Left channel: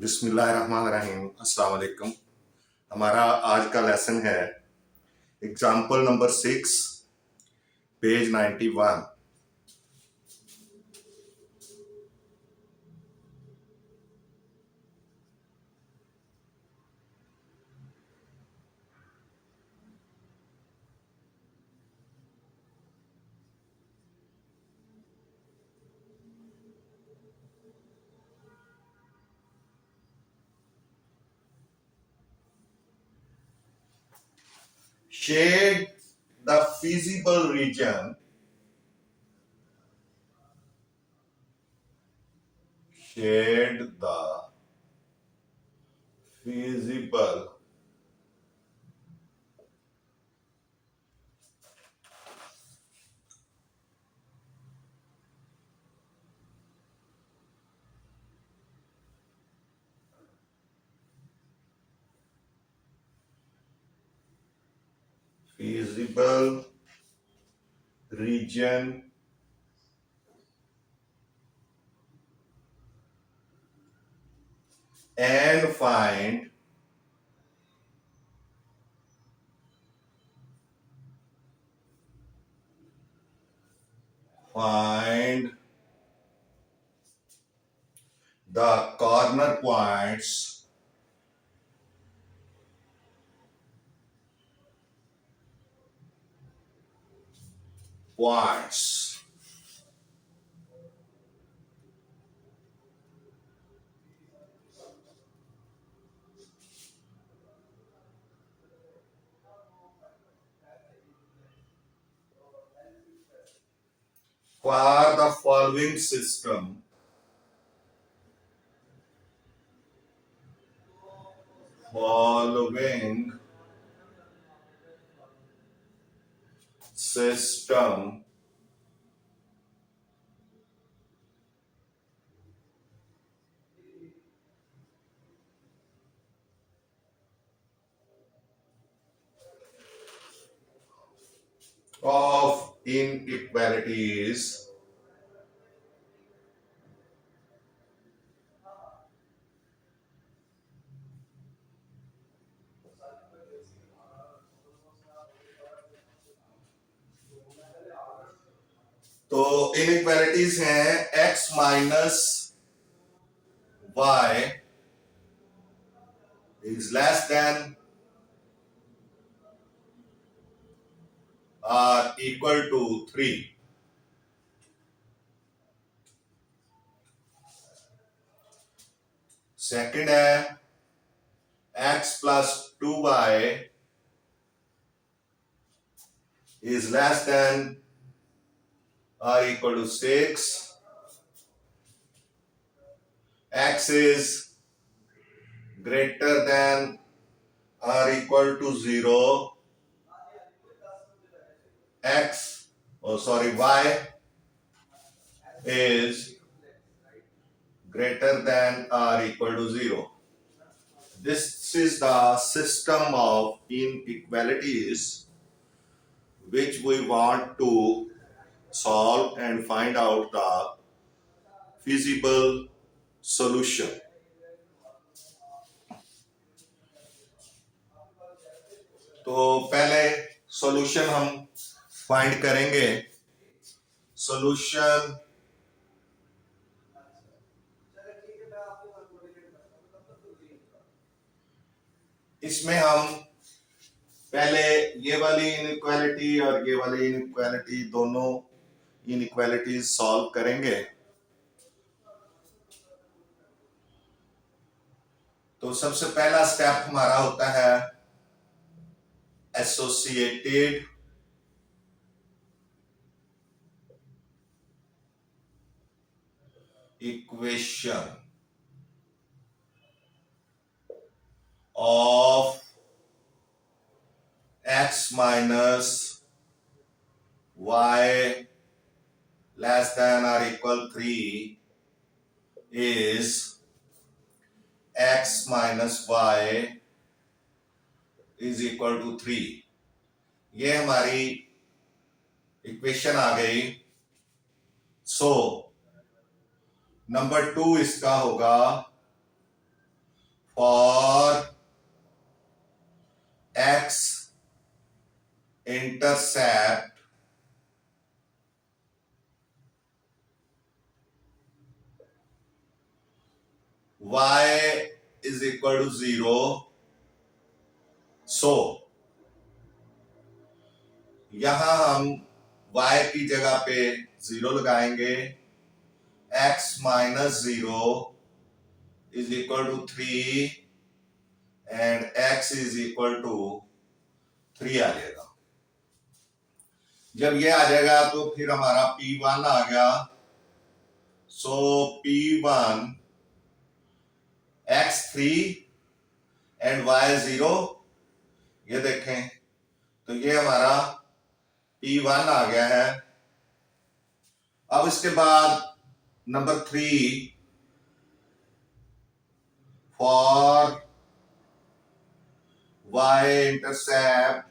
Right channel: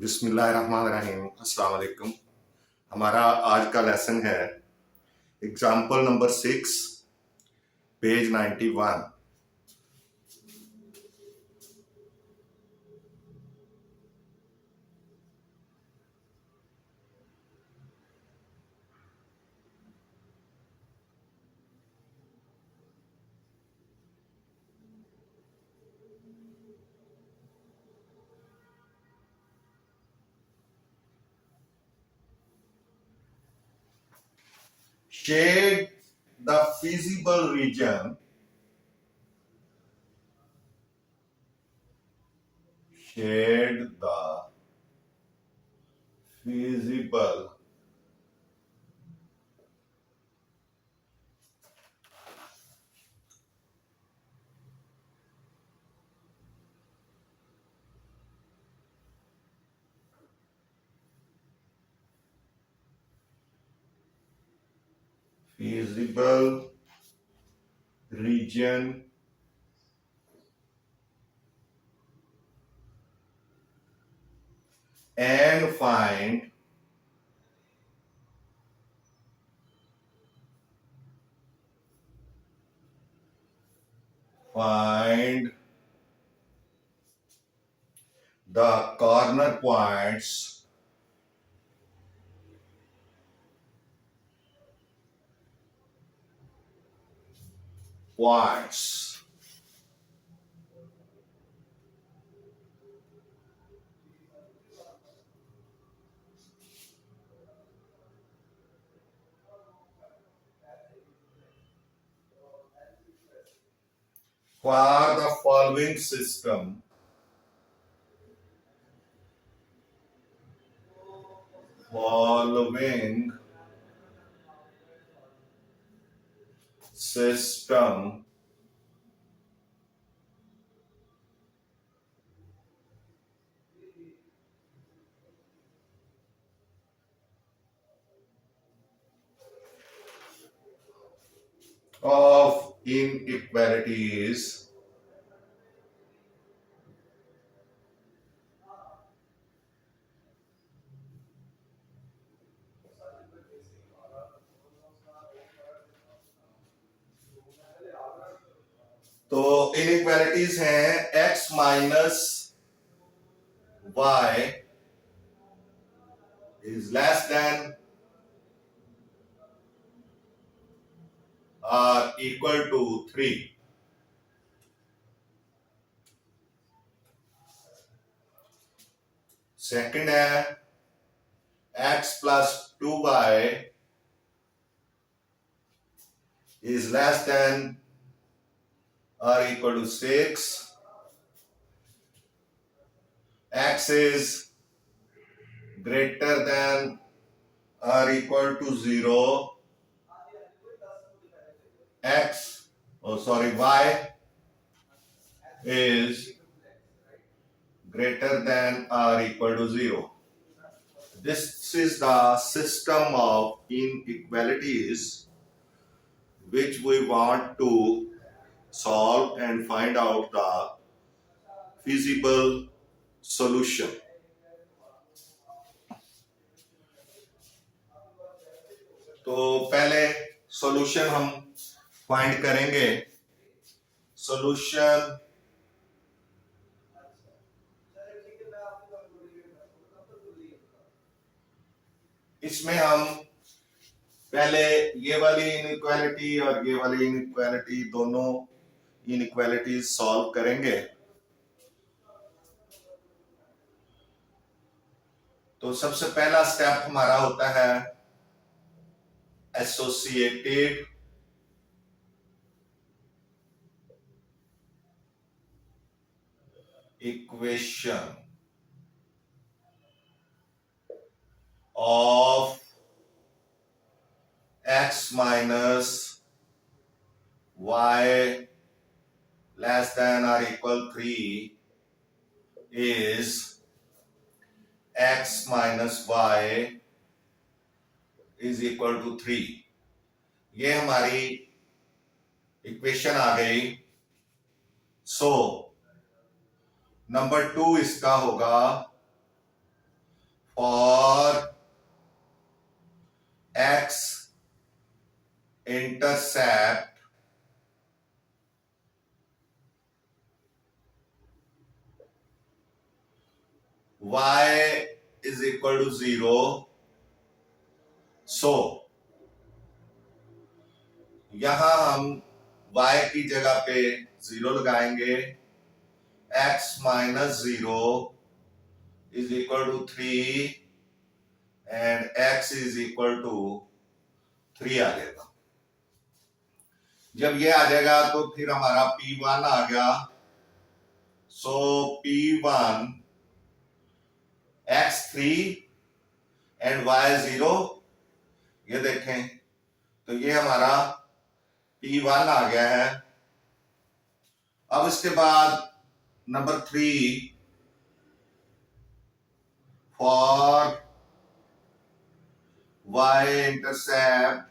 बिस्मिल्लाहिर्रहमानिर्रहीम। अस्सलाम वालेकुम। हमारा आज का लेसन है example number 6, page 91। Shade the feasible region. Shade the feasible region and find the corner points points for the following system. System of inequalities तो inequalities हैं x minus y is less then और equal to 3। Second है x plus 2y is less then or equal to 6. X is greater than or equal to 0. Y is greater than or equal to 0. This is the system of inequalities which we want to solve and find out the feasible solution. तो पहले solution हम find करेंगे। Solution इसमें हम पहले ये वाली inequality और ये वाली इनइक्वालिटी दोनों इनइक्वालिटीज सॉल्व करेंगे। तो सबसे पहला स्टेप हमारा होता है associated equation of x minus y less than or equal 3 is x minus y is equal to 3। ये हमारी इक्वेशन आ गई। सो नंबर 2 इसका होगा for x intercept y is equal to 0, so यहां हम y की जगह पे 0 लगाएंगे, x minus 0 is equal to 3 and x is equal to 3 आ जाएगा। जब ये आ जाएगा तो फिर हमारा P1 आ गया, सो P1 x3 एंड y0, ये देखें तो ये हमारा P1 आ गया है। अब इसके बाद number 3 for y intercept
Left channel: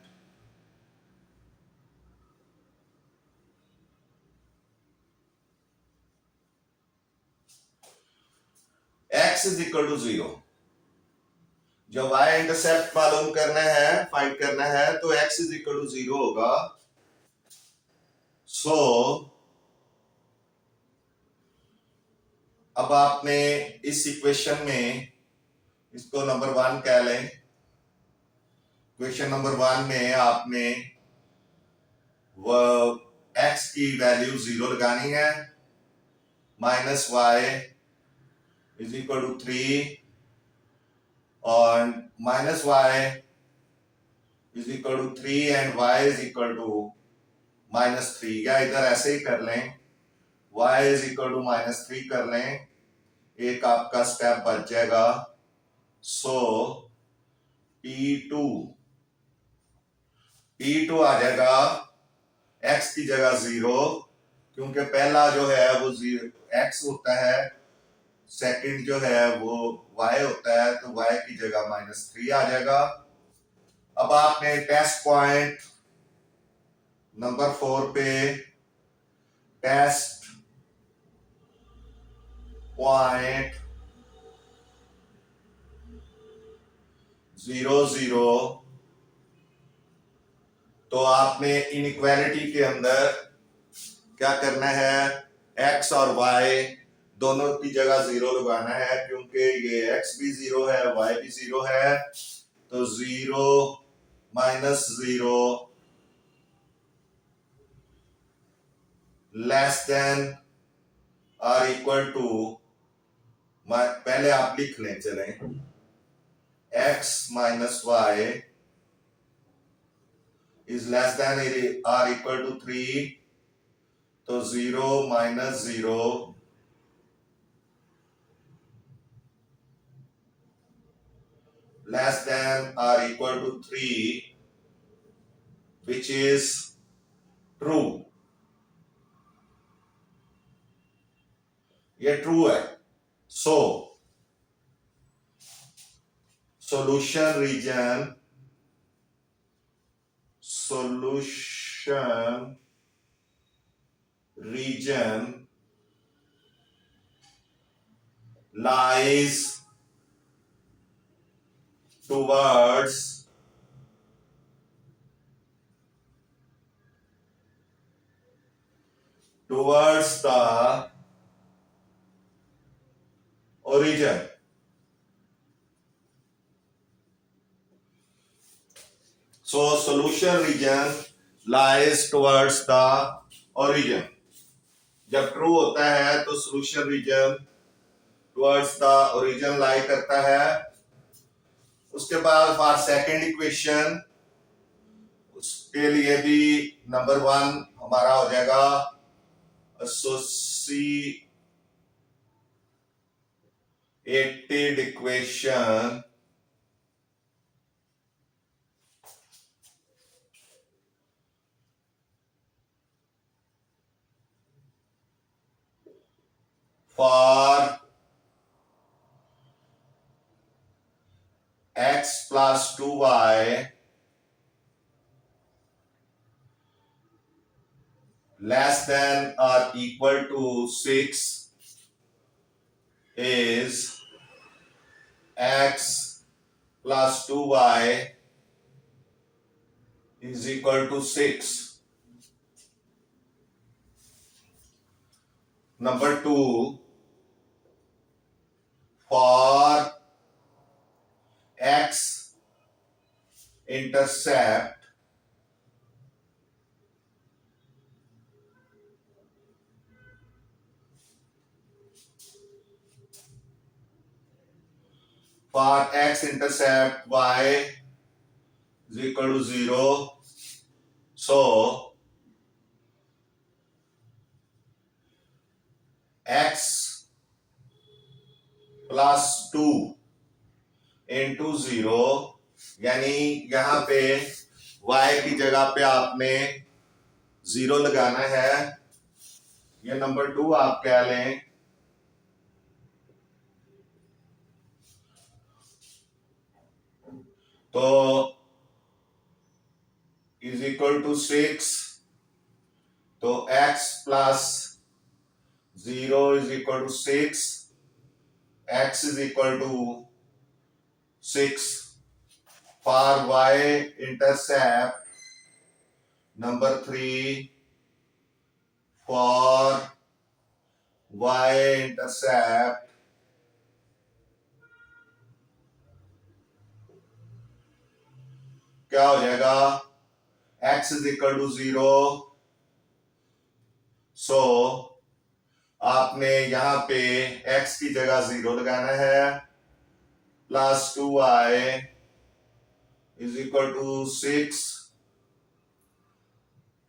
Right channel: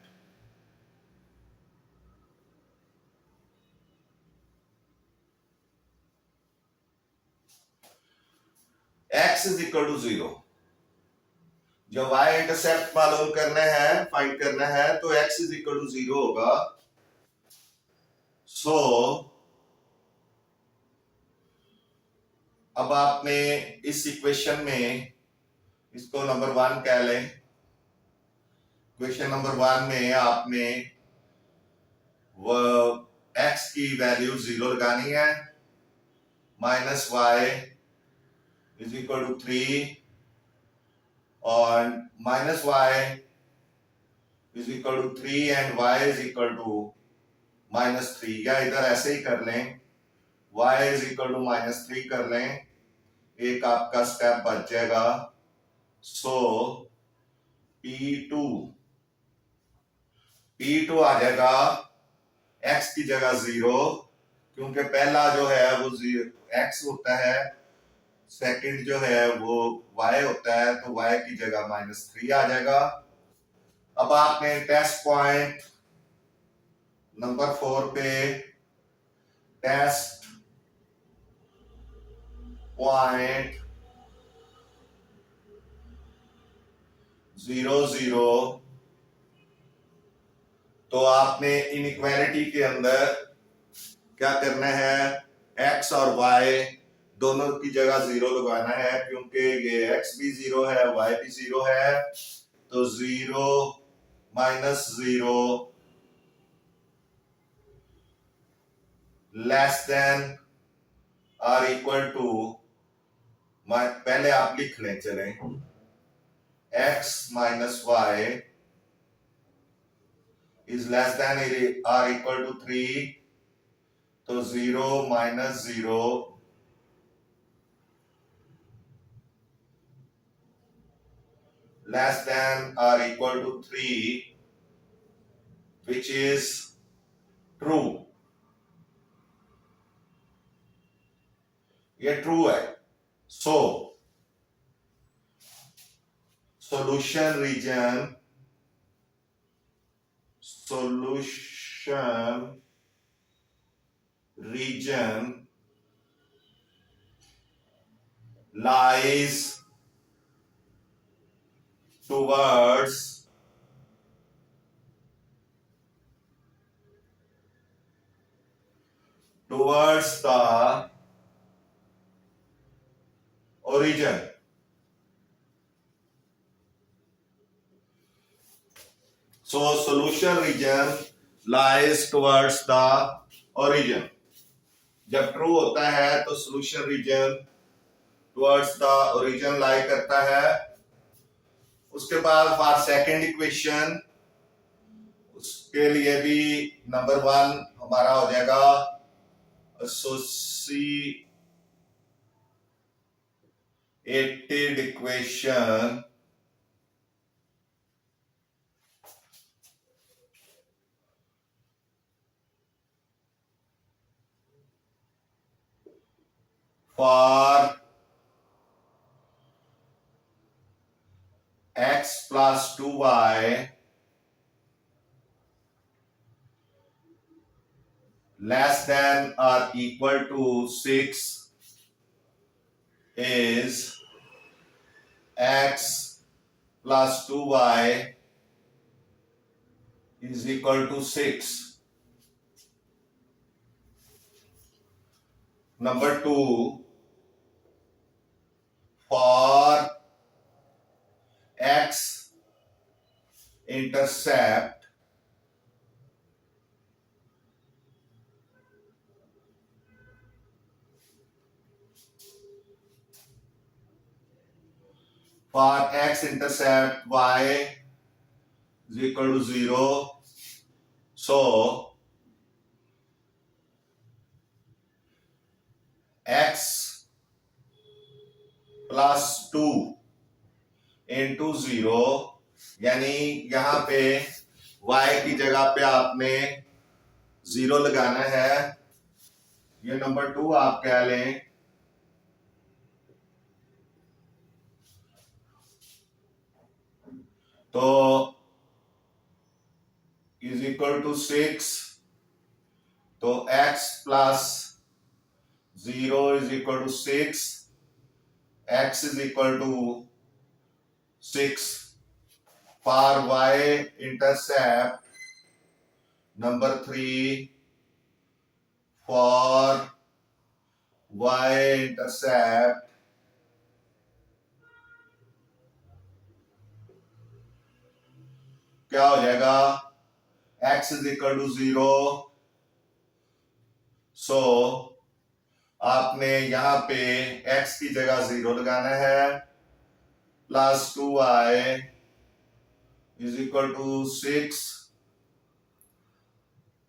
x is equal to 0। जब y इंटरसेप्ट मालूम करना है, फाइंड करना है, तो x इज इक्वल टू 0 होगा। सो अब आपने इस इक्वेशन में इसको नंबर 1 कह लें। इक्वेशन नंबर 1 में आपने वो x की वैल्यू 0 लगानी है, minus y is equal to 3 और minus y is equal to 3 and y is equal to -3, या इधर ऐसे ही कर लें, y इज इक्वल टू -3 कर लें, एक आपका स्टेप बच जाएगा। सो P2 आ जाएगा x की जगह 0, क्योंकि पहला जो है वो x होता है, सेकंड जो है वो y होता है, तो y की जगह -3 आ जाएगा। अब आपने टेस्ट पॉइंट नंबर 4 पे टेस्ट पॉइंट 0 0, तो आपने इनइक्वालिटी के अंदर क्या करना है, x और y दोनों की जगह 0 लगाना है, क्योंकि ये x भी 0 है, y भी 0 है, तो 0 -0 less than or equal to, पहले आप लिख लें, चलें, x minus y is less than or equal to 3, तो 0 -0 less than or equal to 3, which is true, ये ट्रू है। सो solution region lies towards the origin. So solution region lies towards the origin. जब true होता है तो solution region towards the origin lie करता है। उसके बाद फॉर सेकेंड इक्वेशन, उसके लिए भी नंबर 1 हमारा हो जाएगा acid equation for x plus 2y less than or equal to 6 is x plus 2y is equal to 6. Number 2, for x intercept y is equal to 0. So x plus 2 into 0, यानी यहां पे y की जगह पे आपने 0 लगाना है. ये नंबर 2 आप कह लें. तो इज इक्वल टू 6. तो x plus 0 is equal to 6. x is equal to 6. For y intercept number 3, for y intercept क्या हो जाएगा? x is equal to 0. So आपने यहां पे x की जगह 0 लगाना है. Plus 2y is equal to 6.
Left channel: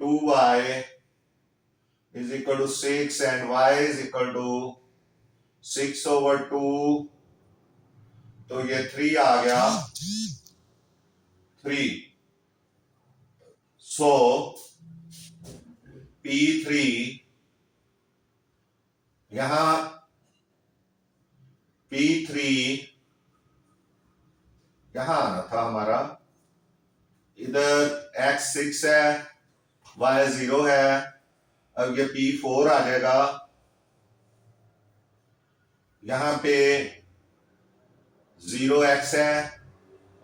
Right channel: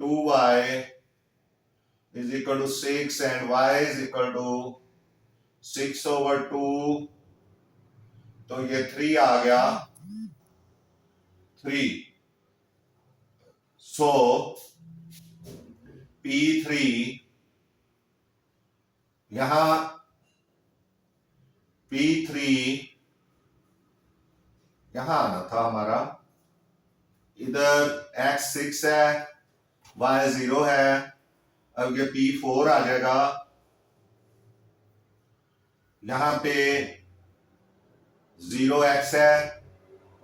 2y is equal to 6 and y is equal to 6 over 2. तो ये 3 आ गया. 3. So P3 यहां P3 यहां आना था हमारा. इधर x 6 है, y 0 है. अब ये P4 आ जाएगा. यहां पे 0x है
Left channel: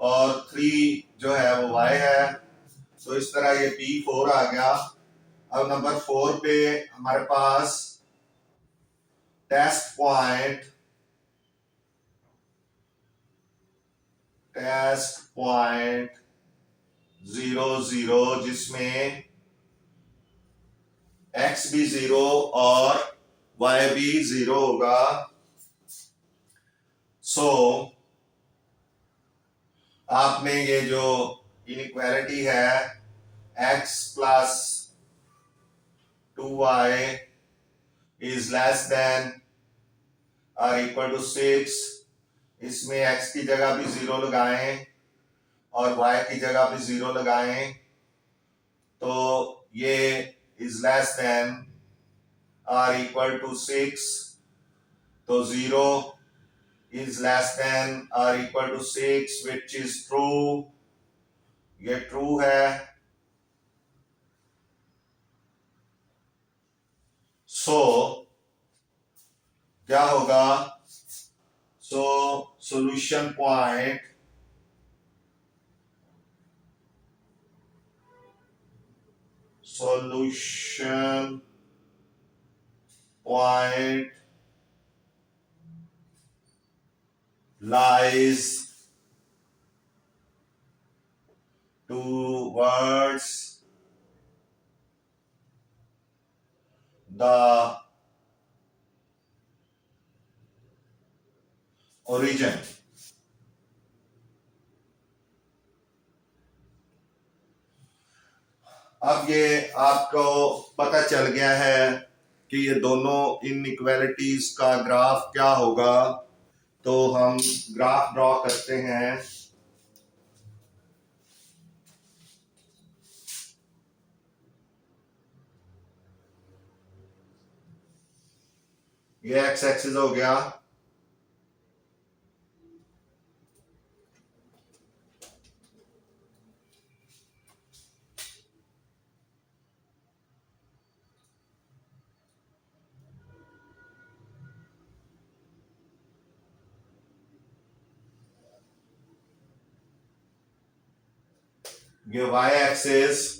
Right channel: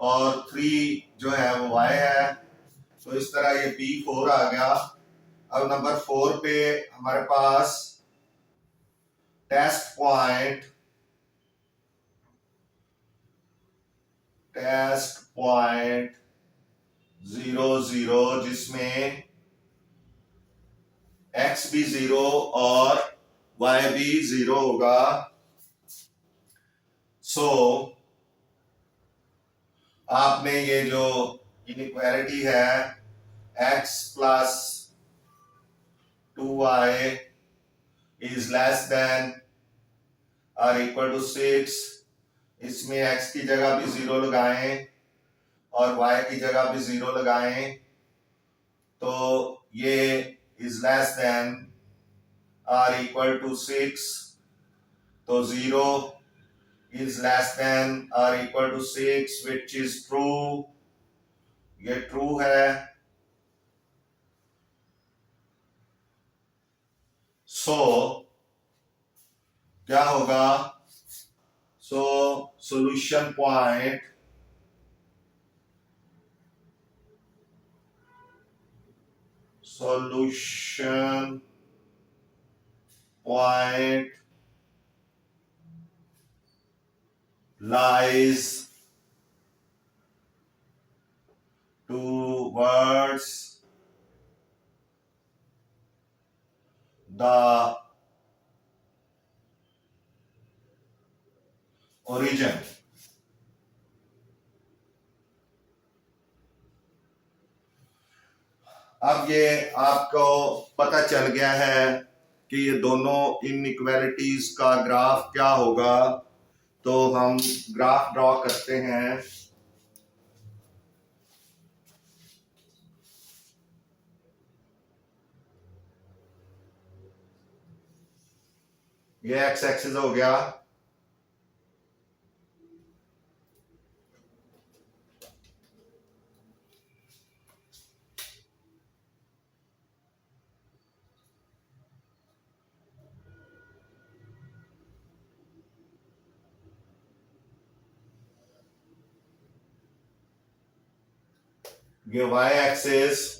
और 3 जो है वो y है. तो इस तरह ये P4 आ गया. अब नंबर 4 पे हमारे पास टेस्ट पॉइंट 0 0 जिसमें x भी 0 और y भी 0 होगा. सो आपने ये जो इनइक्वालिटी है x plus 2y is less then और इक्वल टू 6, इसमें x की जगह भी 0 लगाएं और y की जगह भी 0 लगाएं. तो ये is less than or equal to 6. तो 0 is less than or equal to 6 which is true. ये true है. So क्या होगा? So solution point lies towards the origin. अब ये आपको पता चल गया है कि ये दोनों इनइक्वालिटीज का ग्राफ क्या होगा. तो हम ग्राफ ड्रॉ करते हैं. ये एक्स एक्सिस हो गया. ये y एक्सिस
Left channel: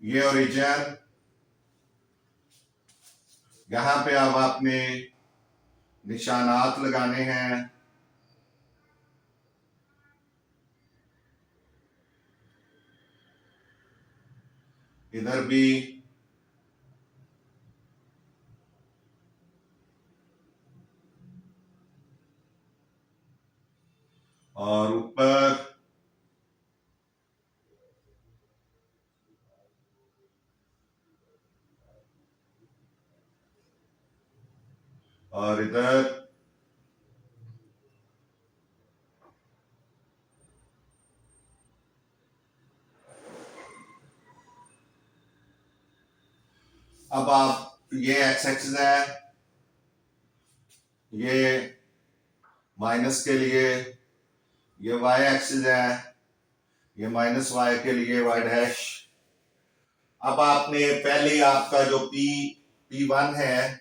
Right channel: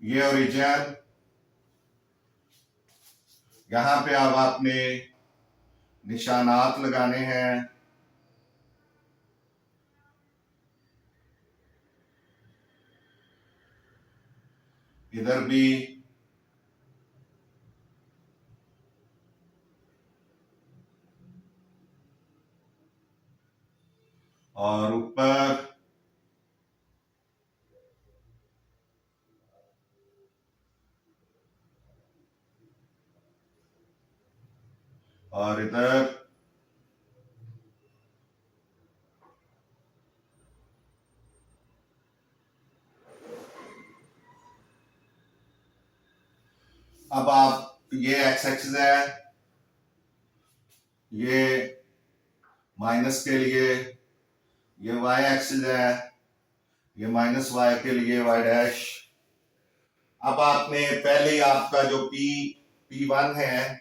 ये ओरिजिन, यहां पे अब आपने निशानात लगाने हैं। इधर भी और ऊपर, और इधर। अब आप ये एक्स एक्सिस है, ये माइनस के लिए, ये वाई एक्सिस है, ये माइनस वाई के लिए वाई डैश। अब आपने पहले आपका जो P1 है,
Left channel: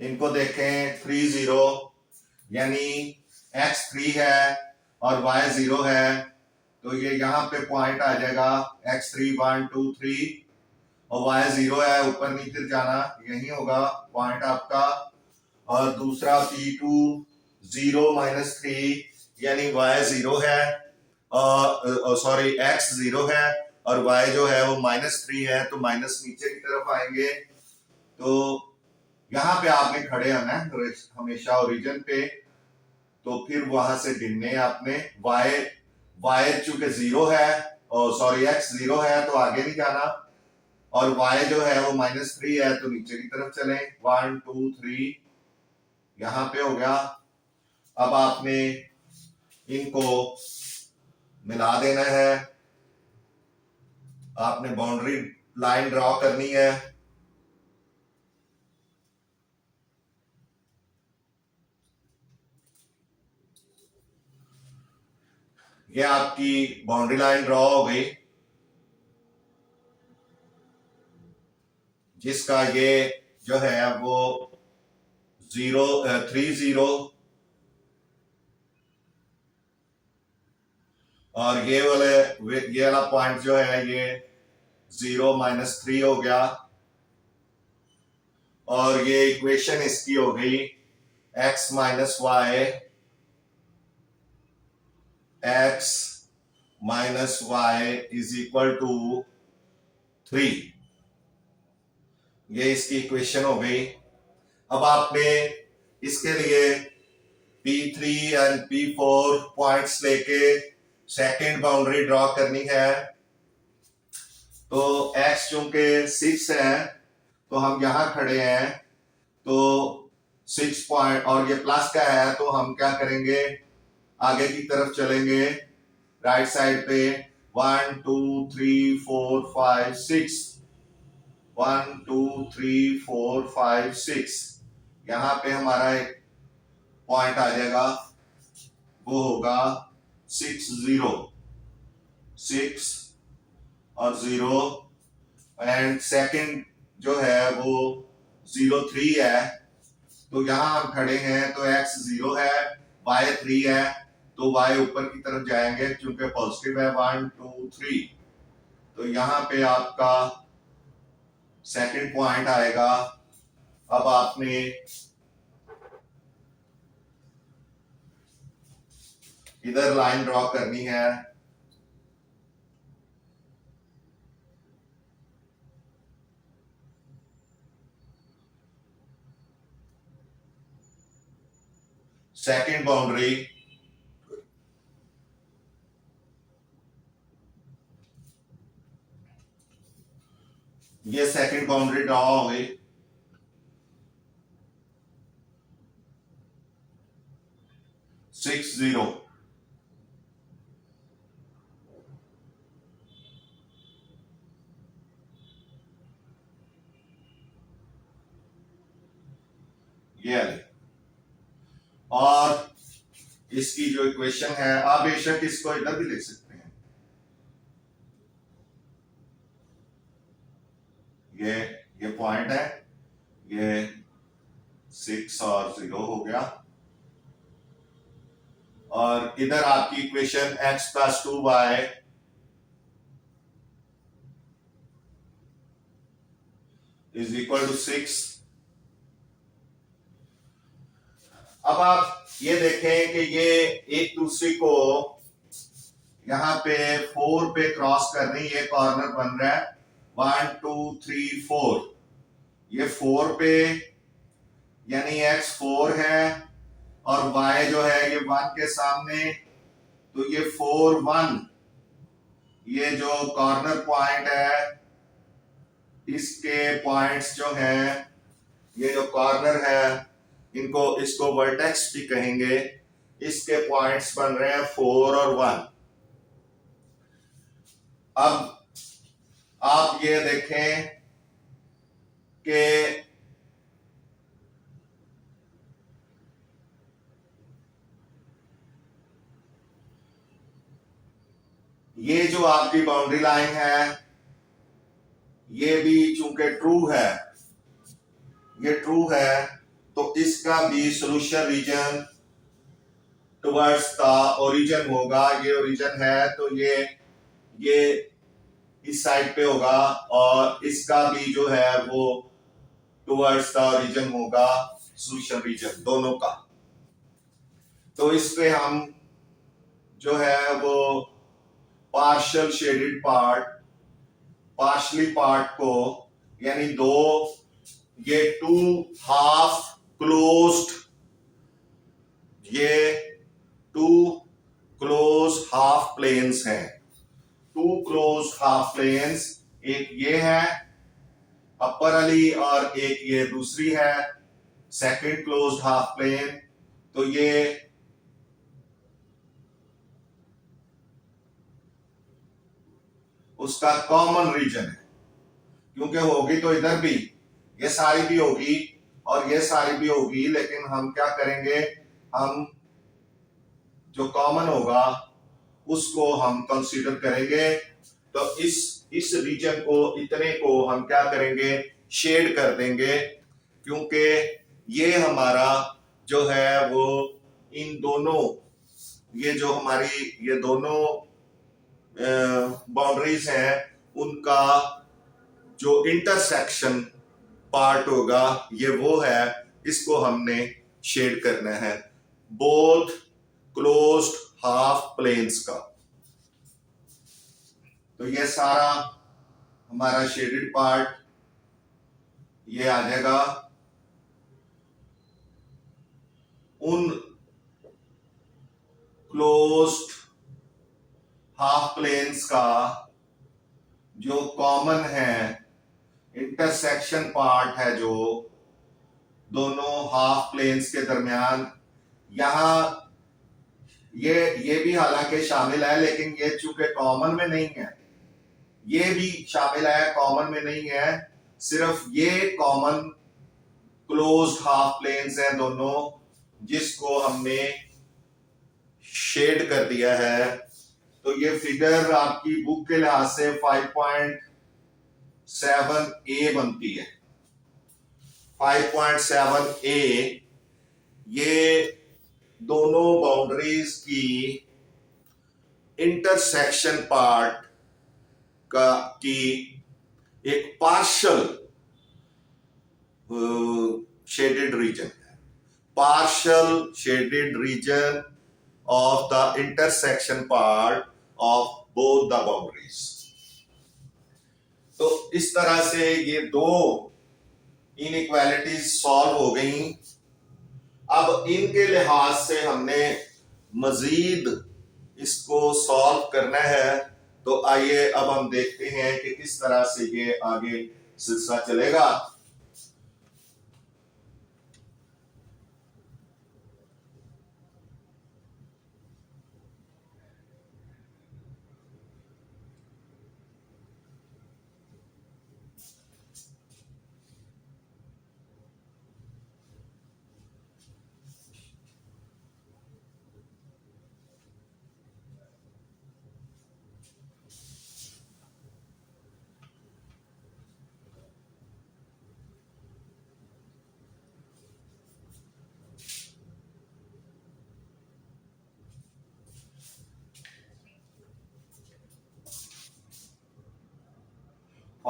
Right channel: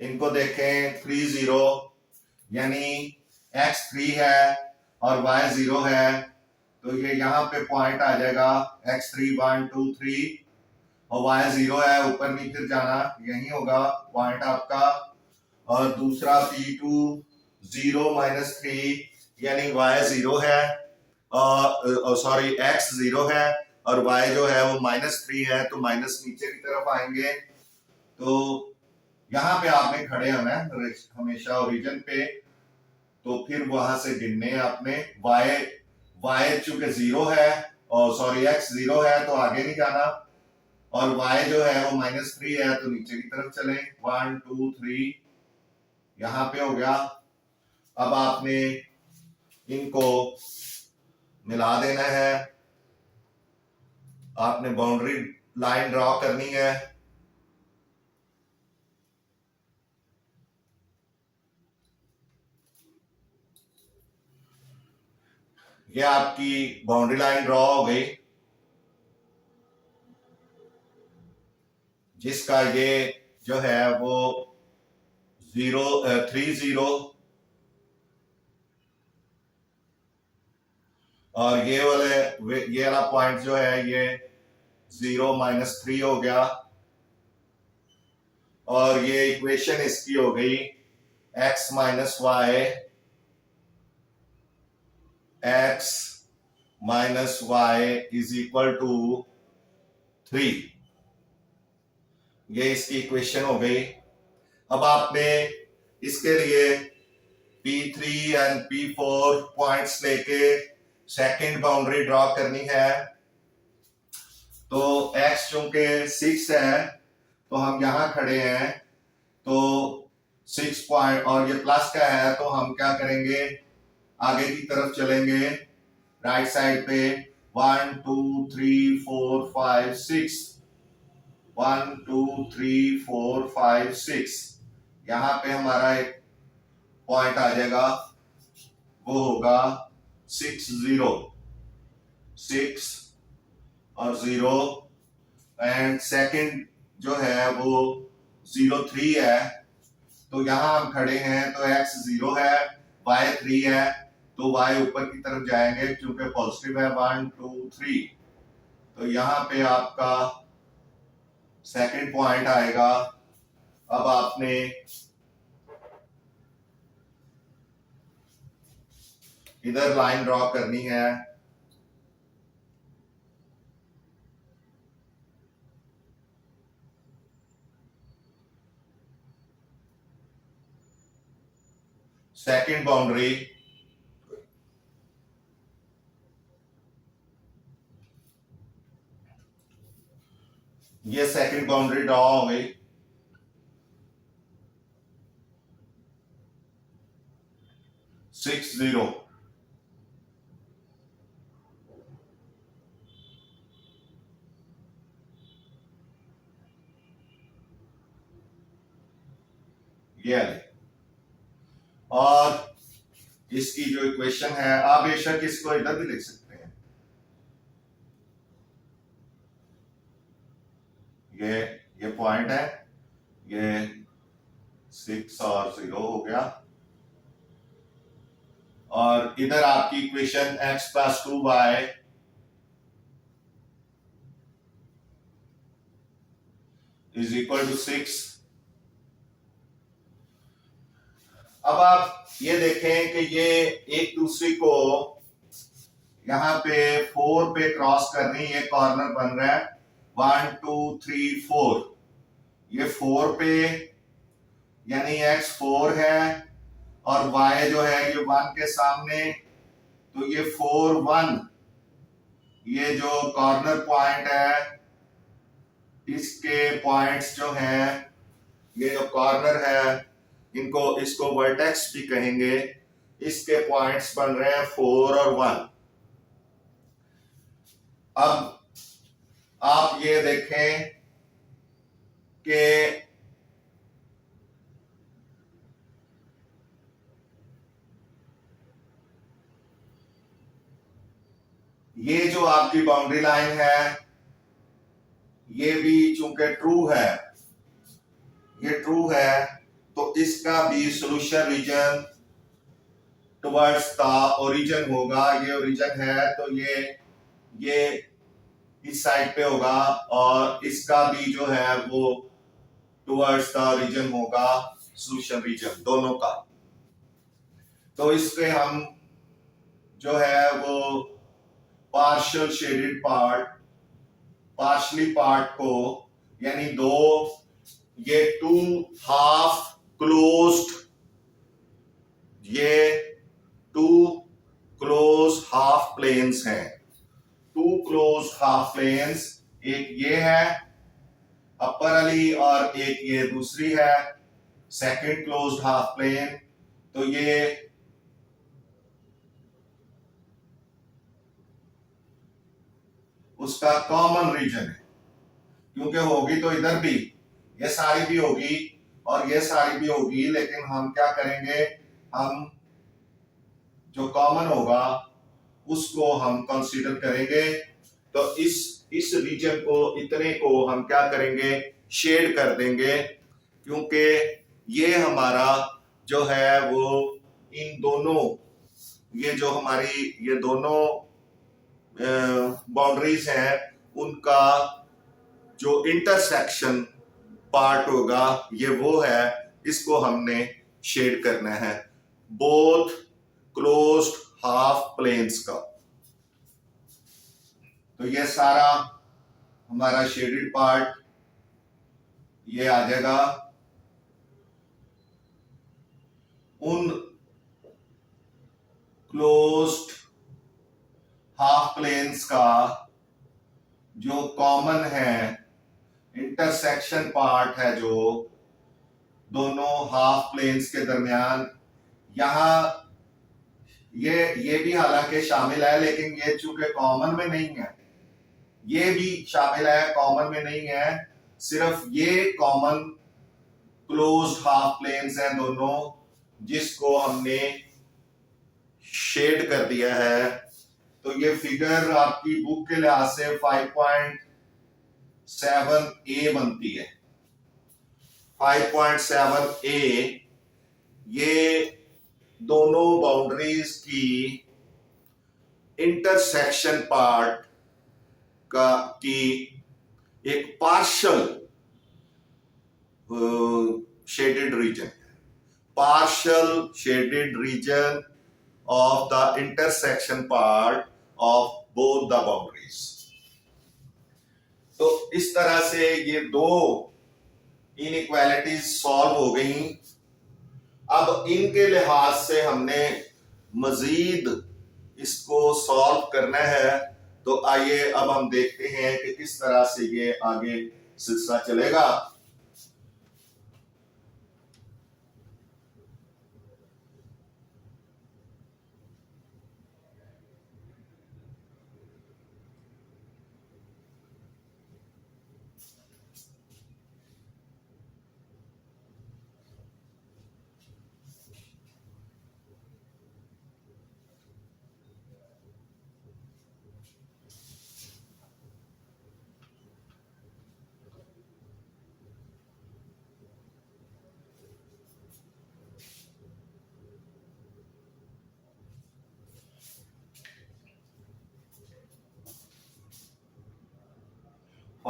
इनको देखें 3 0, यानी x 3 है और y 0 है, तो ये यहाँ पे पॉइंट आ जाएगा x 3 1 2 3 और y 0 है, ऊपर नहीं फिर जाना, यही होगा पॉइंट आपका। और दूसरा P2 0 -3, यानी y 0 है और सॉरी x 0 है और y जो है वो -3 है, तो माइनस नीचे की तरफ आएंगे। तो यहाँ पे आपने खड़े होना है हमेशा ओरिजिन पे, तो फिर वहां से गिनने आपने y चूंकि 0 है और सॉरी x 0 है तो आगे नहीं जाना, और y जो है वो -3 है तो नीचे की तरफ चलें। 1 2 3 यहाँ पे हो गया। अब आपने इनको मिला देना है, आपने बाउंड्री लाइन ड्रॉ करनी है। ये आपकी बाउंड्री लाइन ड्रॉ हो गई, जिसका ये जो है वो 3 0 और ये वाला पॉइंट जो है ये 0 -3 हो गया, और ये इक्वेशन इसकी हो गई x -y is equal to 3। ये इसकी इक्वेशन हो गई। अब आपने इसके लिए P3 एंड P4 पॉइंट्स लेके सेकंड बाउंड्री ड्रॉ करनी है। तो x चूंकि 6 है तो हम यहां खड़े हैं, तो 6 पॉइंट और ये प्लस का है, तो हम क्या करेंगे, आगे की तरफ चलेंगे राइट साइड पे। 1 2 3 4 5 6, 1 2 3 4 5 6, यहाँ पे हमारा एक पॉइंट आ जाएगा, वो होगा 6 0 6 और 0, एंड सेकंड जो है वो 0 3 है, तो यहां हम खड़े हैं तो x 0 है, y 3 है, तो y ऊपर की तरफ जाएंगे क्योंकि पॉजिटिव है 1 2 3, तो यहां पे आपका सेकंड पॉइंट आएगा। अब आपने इधर लाइन ड्रॉ करनी है, सेकंड बाउंड्री, ये सेकंड बाउंड्री ड्रॉ हो गई। 6 0, ये वाले, और इसकी जो इक्वेशन है, आप बेशक इसको इधर भी लिख सकते हैं, ये पॉइंट है, ये 6 और 0 हो गया, और इधर आपकी इक्वेशन x + 2y = 6। अब आप ये देखें कि ये एक दूसरे को यहां पे 4 पे क्रॉस कर रही है, कॉर्नर बन रहा है 1 2 3 4, ये 4 पे यानी x 4 है और y जो है ये 1 के सामने, तो ये 4 1, ये जो कॉर्नर पॉइंट है इसके पॉइंट्स जो है, ये जो कॉर्नर है इनको, इसको वर्टेक्स भी कहेंगे, इसके पॉइंट्स बन रहे हैं 4 और 1। अब आप ये देखें कि ये जो आपकी बाउंड्री लाइन है ये भी चूंकि ट्रू है, ये ट्रू है, तो इसका भी solution region towards the origin होगा। ये ओरिजिन है तो ये इस साइड पे होगा, और इसका भी जो है वो टुवर्ड्स द ओरिजिन होगा, सोल्यूशन रीजन दोनों का। तो इस पे हम जो है वो partial shaded part, partially part को, यानी दो, ये 2 हाफ क्लोज्ड, ये 2 क्लोज हाफ प्लेन्स हैं, 2 क्लोज हाफ प्लेन्स, एक ये है अपर वाली और एक ये दूसरी है सेकंड क्लोज्ड हाफ प्लेन। तो ये उसका कॉमन रीजन है, क्योंकि होगी तो इधर भी, ये सारी भी होगी और ये सारी भी होगी, लेकिन हम क्या करेंगे, हम जो कॉमन होगा उसको हम कंसीडर करेंगे। तो इस रीजन को, इतने को हम क्या करेंगे, शेड कर देंगे, क्योंकि ये हमारा जो है वो इन दोनों, ये जो हमारी ये दोनों बाउंड्रीज हैं उनका जो इंटरसेक्शन पार्ट होगा ये वो है, इसको हमने शेड करना है बोथ क्लोज्ड हाफ प्लेन्स का। तो ये सारा हमारा शेडेड पार्ट ये आ जाएगा उन क्लोज्ड हाफ प्लेन्स का जो कॉमन है, इंटरसेक्शन पार्ट है जो दोनों हाफ प्लेन्स के दरमियान, यहां ये भी हालांकि शामिल है, लेकिन ये चूंकि कॉमन में नहीं है, ये भी शामिल है, कॉमन में नहीं है, सिर्फ ये कॉमन क्लोज्ड हाफ प्लेन्स हैं दोनों, जिसको हमने शेड कर दिया है। तो ये फिगर आपकी बुक के लिहाज से 5.7a बनती है। 5.7a ये दोनों बाउंड्रीज की इंटरसेक्शन पार्ट का की एक पार्शियल शेडेड रीजन है, partial shaded region of the intersection part of both the boundaries। तो इस तरह से ये दो इनइक्वालिटीज सॉल्व हो गई। अब इनके लिहाज से हमने मजीद इसको सॉल्व करना है, तो आइए अब हम देखते हैं कि किस तरह से ये आगे सिलसिला चलेगा।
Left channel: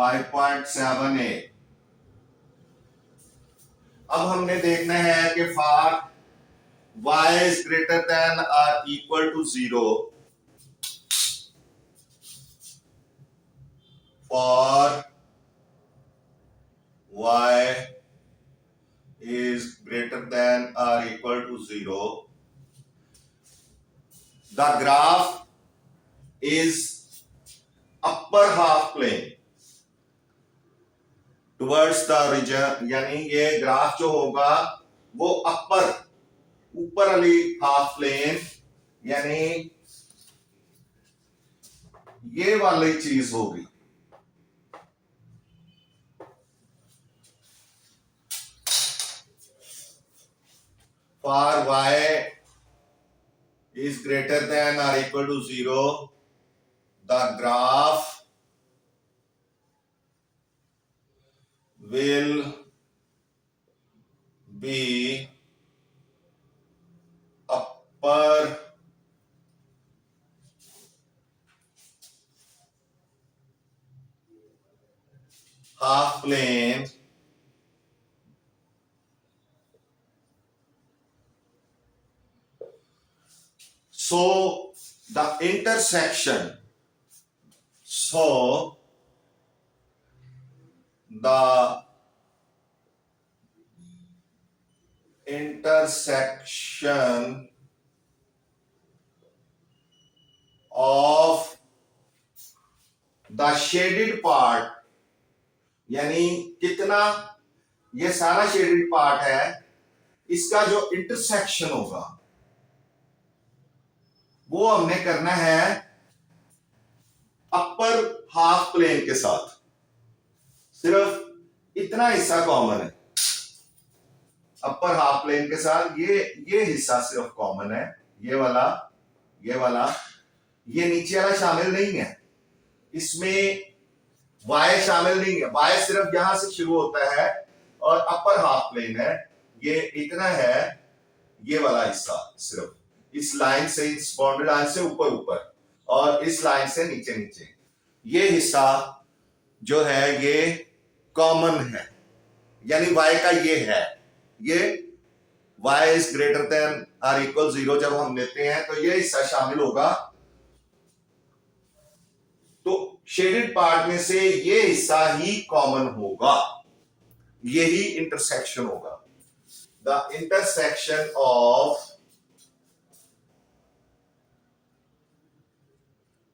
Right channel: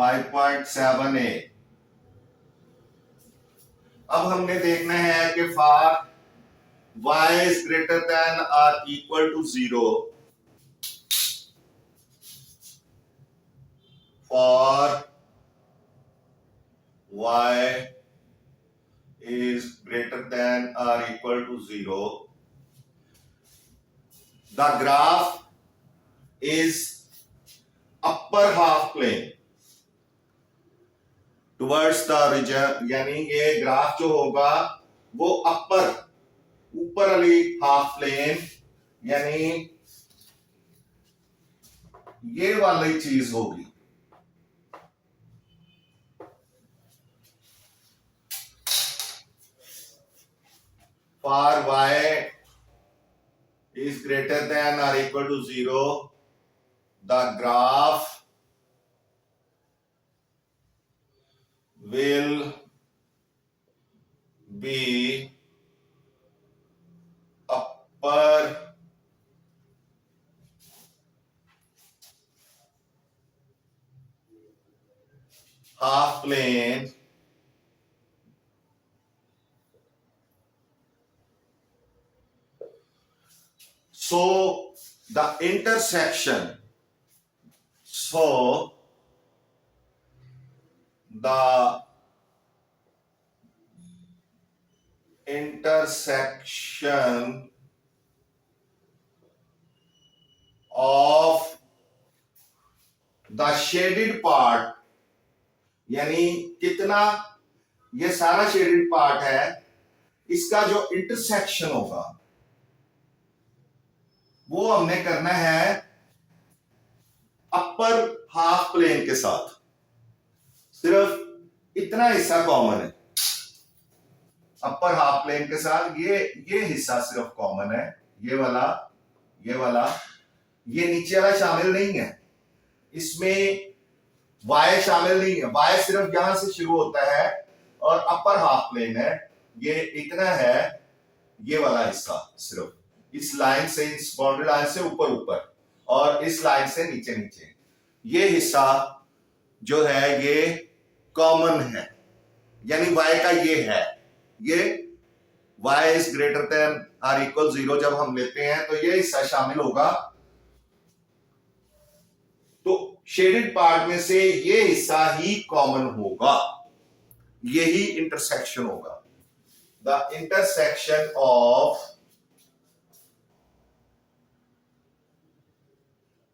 5.78। अब हमने देखना है कि for y is greater than और equal to 0, for y is greater than or equal to 0, the graph is upper half plane towards the region, यानी ये ग्राफ जो होगा वो ऊपर वाली हाफ प्लेन यानी ये वाली चीज होगी। For y is greater than or equal to 0, the graph will be upper half plane so the intersection of the shaded part, यानी कितना ये सारा शेडेड पार्ट है, इसका जो इंटरसेक्शन होगा वो हमने करना है अपर हाफ प्लेन के साथ। सिर्फ इतना हिस्सा कॉमन है अपर हाफ प्लेन के साथ, ये हिस्सा सिर्फ कॉमन है, ये वाला ये नीचे वाला शामिल नहीं है, इसमें y शामिल नहीं है। y सिर्फ यहां से शुरू होता है और अपर हाफ प्लेन है, ये इतना है, ये वाला हिस्सा सिर्फ इस लाइन से, इस बाउंड्री लाइन से ऊपर और इस लाइन से नीचे ये हिस्सा जो है ये कॉमन है, यानी y का ये है, ये y इज ग्रेटर देन और इक्वल 0 जब हम लेते हैं तो ये हिस्सा शामिल होगा। तो शेडेड पार्ट में से ये हिस्सा ही कॉमन होगा, यही इंटरसेक्शन होगा। The intersection of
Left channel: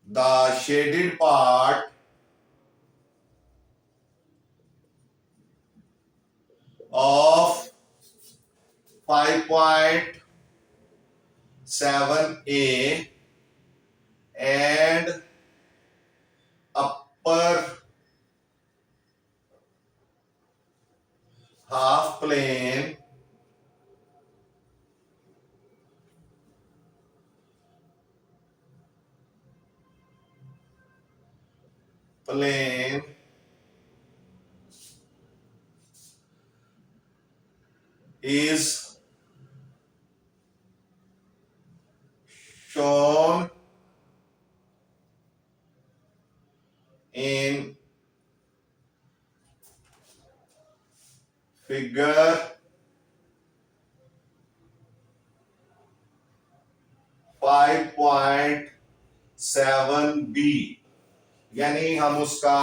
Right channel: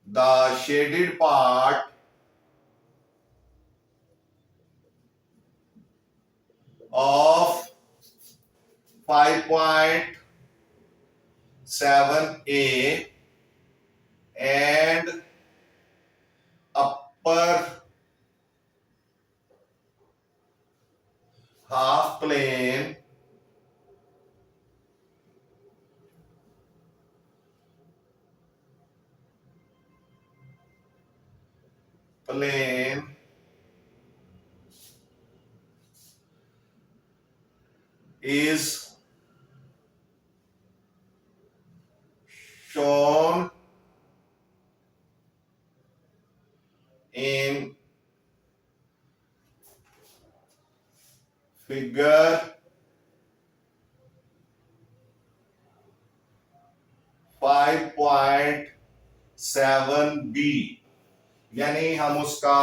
the shaded part of 5.7a and upper half plane is shown in figure 5.7b, यानी हम उसका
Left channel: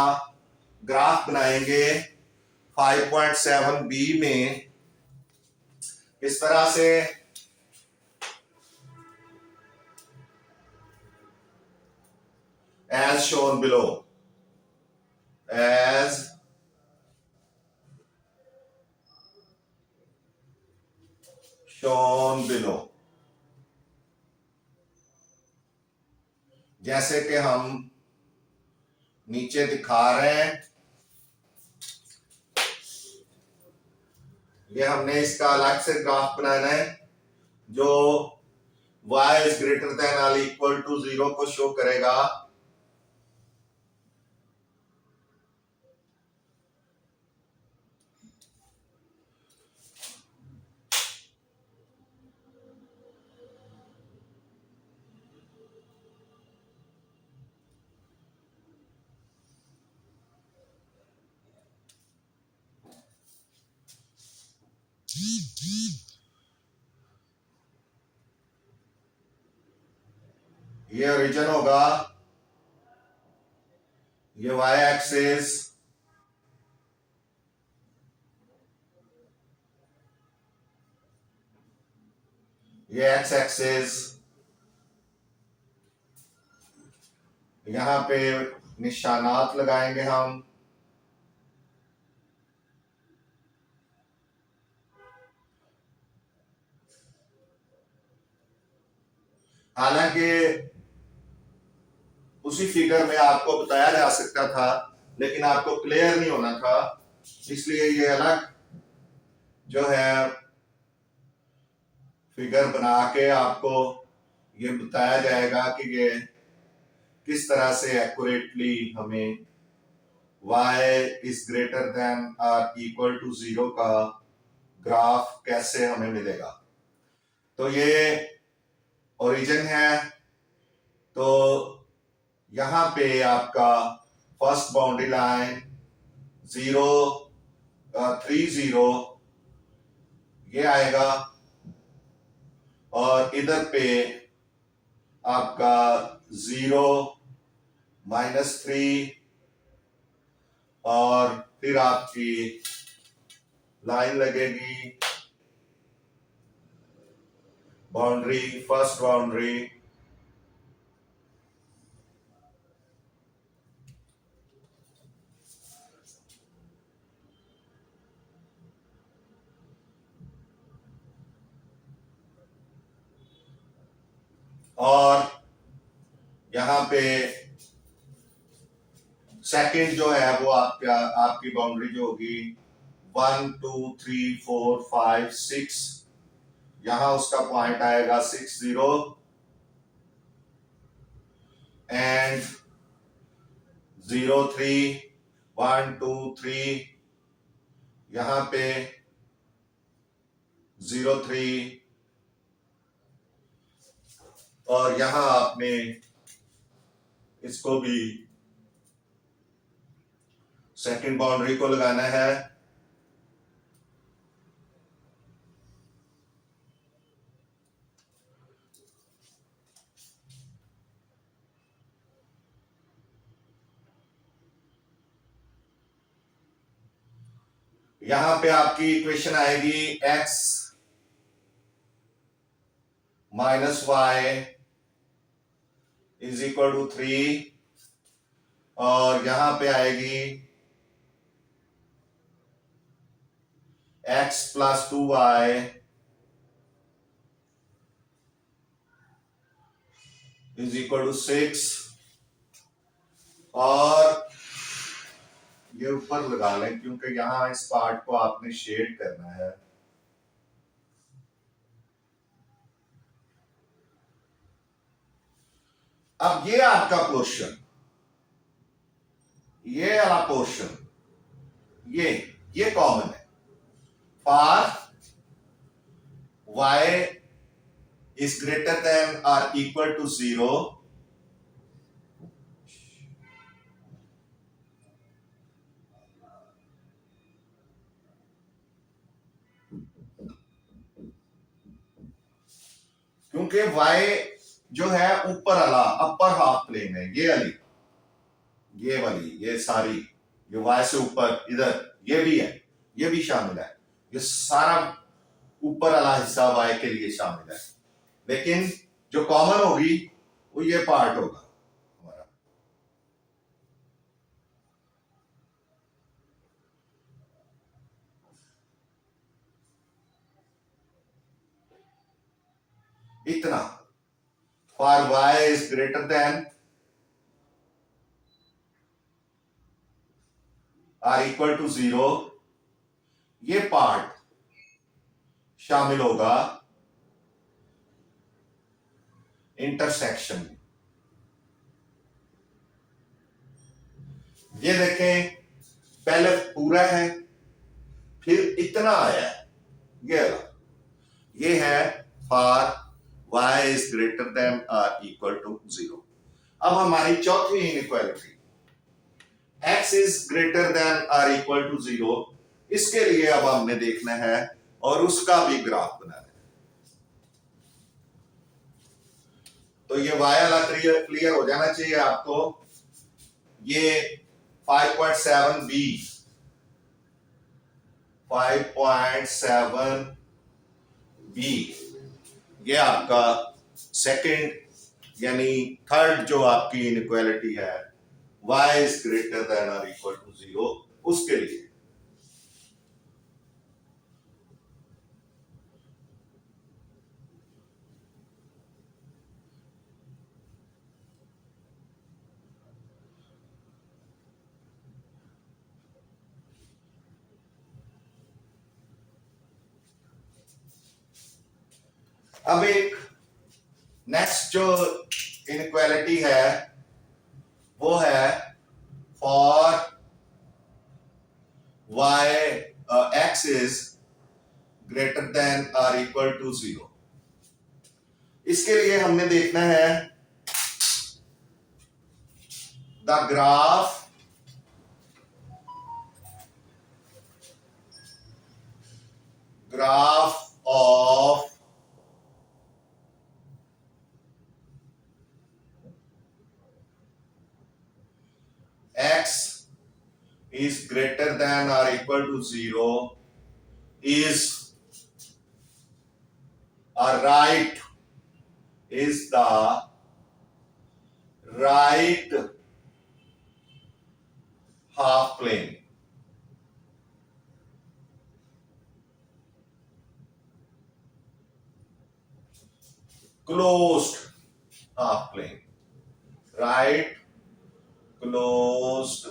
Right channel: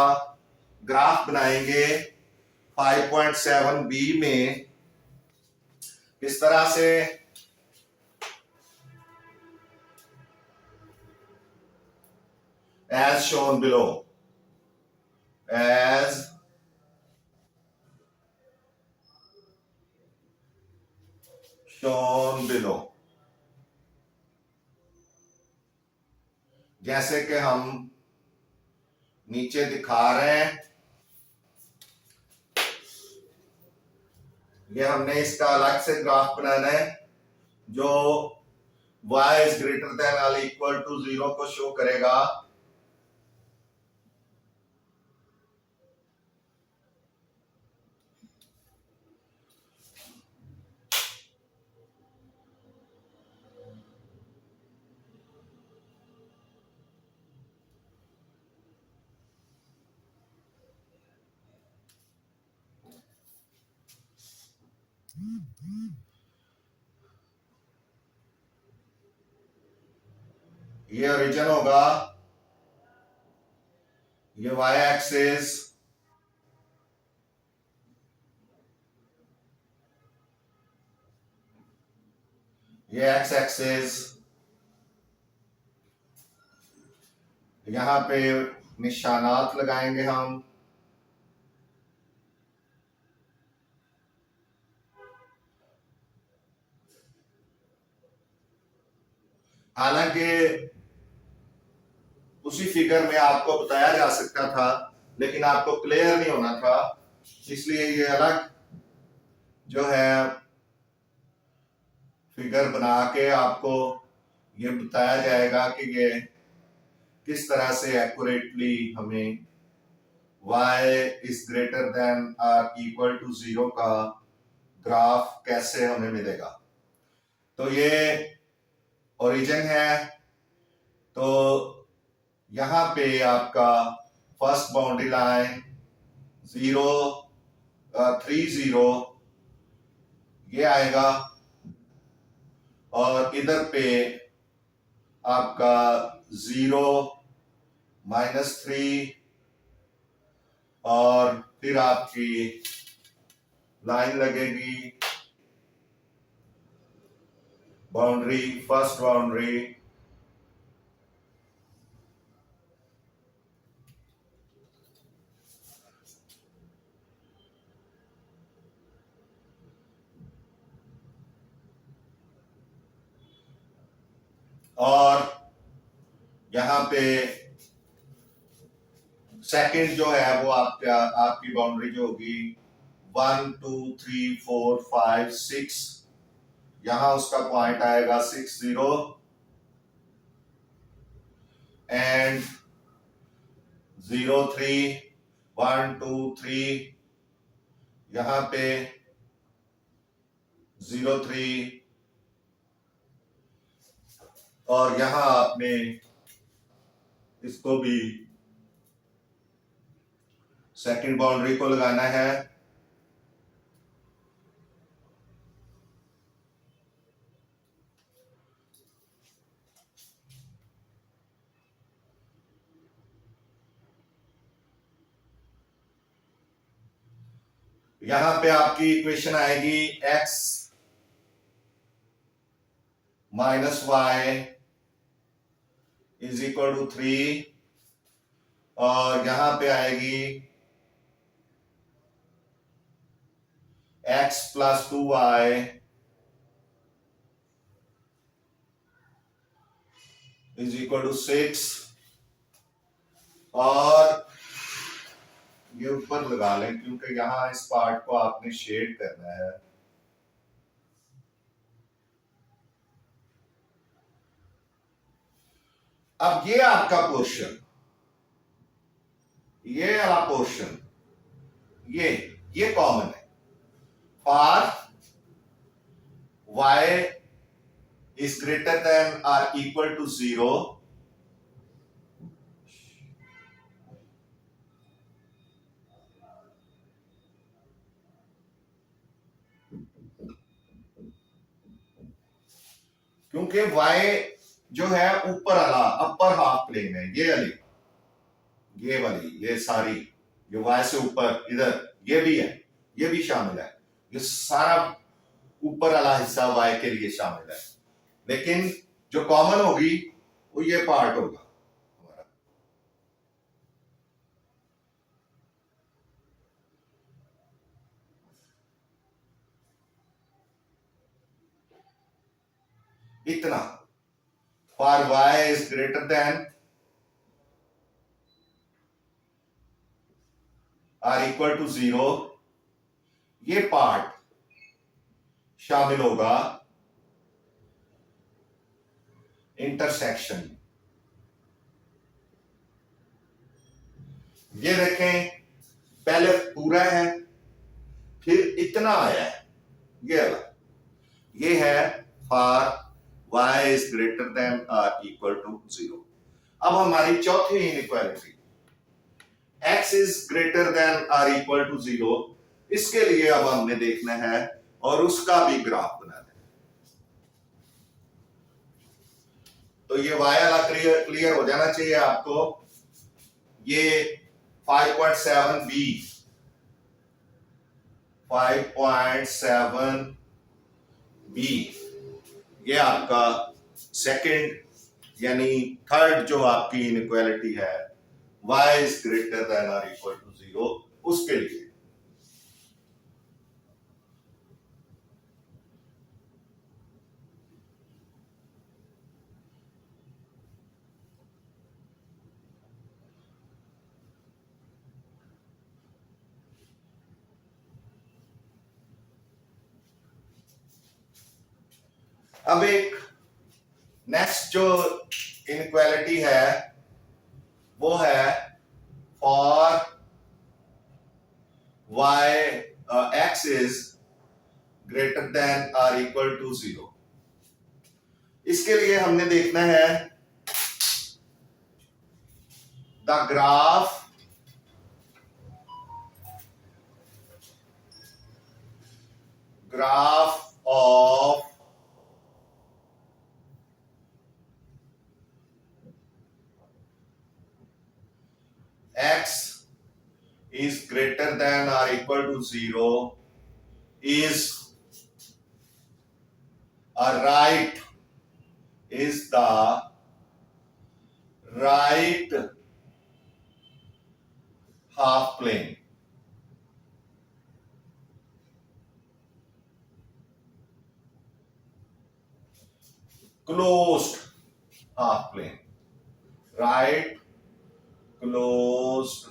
ग्राफ बनाएंगे 5.7b में इस तरह से। as shown below, as shown below, जैसे कि हम नीचे दिखा रहे हैं, ये हमने इसका अलग से ग्राफ बनाना है जो y इज ग्रेटर देन और इक्वल टू 0 को शो करेगा। ये ओरिजिन होगा, ये वाई एक्सिस, ये एक्स एक्सिस, यहां पे निशानात लगाएंगे हम। हालांकि उसी फिगर में आपको बताया जा सकता था, लेकिन आपको क्लियर नहीं होना था, इसलिए ये अलग जो है फिगर बना के आपको ये बताया जाएगा कि ये किस तरह से एक्यूरेटली हमें y इज ग्रेटर देन और इक्वल टू 0 का ग्राफ कैसे हमें मिलेगा। तो ये ओरिजिन है, तो यहां पे आपका फर्स्ट बाउंड्री लाइन 0 3 0 ये आएगा, और इधर पे आपका 0 -3 और फिर आपकी लाइन लगेगी बाउंड्री, फर्स्ट बाउंड्री, और यहां पे सेकंड जो है वो आपकी बाउंड्री जो होगी 1 2 3 4 5 6, यहां उसका पॉइंट आएगा 6 0 एंड 0 3 1 2 3, यहां पे 0 3, और यहां आपने इसको भी सेकंड बाउंड्री को लगाना है। यहां पे आपकी इक्वेशन आएगी x minus y is equal to 3, और यहां पे आएगी x plus 2y is equal to 6, और ये ऊपर लगा लें क्योंकि यहां इस पार्ट को आपने शेड करना है। अब ये आपका पोर्शन, ये वाला पोर्शन, ये कॉमन है for y is greater than और इक्वल टू 0, क्योंकि y जो है ऊपर वाला अपर हाफ प्लेन है, ये वाली ये सारी, ये y से ऊपर इधर ये भी है, ये भी शामिल है, ये सारा ऊपर वाला हिस्सा y के लिए शामिल है, लेकिन जो कॉमन होगी वो ये पार्ट होगा हमारा। इतना for y is greater than और इक्वल टू 0, ये पार्ट शामिल होगा इंटरसेक्शन में। ये देखें, पहले पूरा है, फिर इतना आया है, ये है for y is greater than और इक्वल टू 0। अब हमारी चौथी inequality x is greater than और इक्वल टू 0, इसके लिए अब हमने देखना है और उसका भी ग्राफ बनाना है। तो ये वाई वाला क्लियर हो जाना चाहिए आपको। ये 5.7 बी 5.7 बी ये आपका सेकंड यानी थर्ड जो आपकी इनइक्वालिटी है, y इज ग्रेटर देन और इक्वल टू 0, उसके लिए। अब एक नेक्स्ट जो इनइक्वालिटी है वो है for y x is greater than और इक्वल टू 0। इसके लिए हमने देखना है the graph of x is greater than or equal to 0 is the right half plane. Closed half plane. Right closed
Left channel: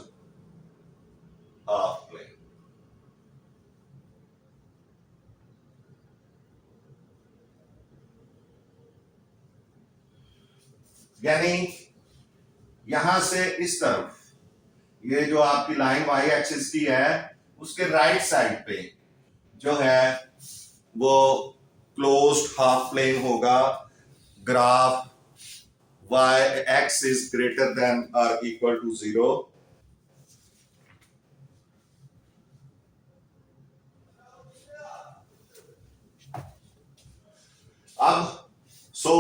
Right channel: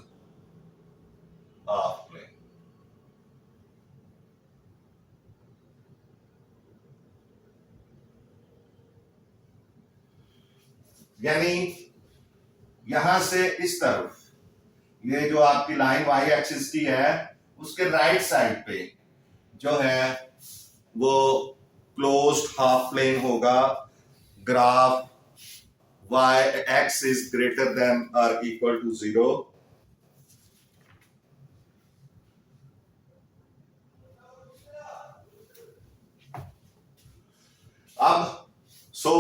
half plane. यानी यहां से इस तरफ ये जो आपकी लाइन वाई एक्सिस की है उसके राइट साइड पे जो है वो क्लोज्ड हाफ प्लेन होगा। Graph y x is greater than or equal to 0। अब so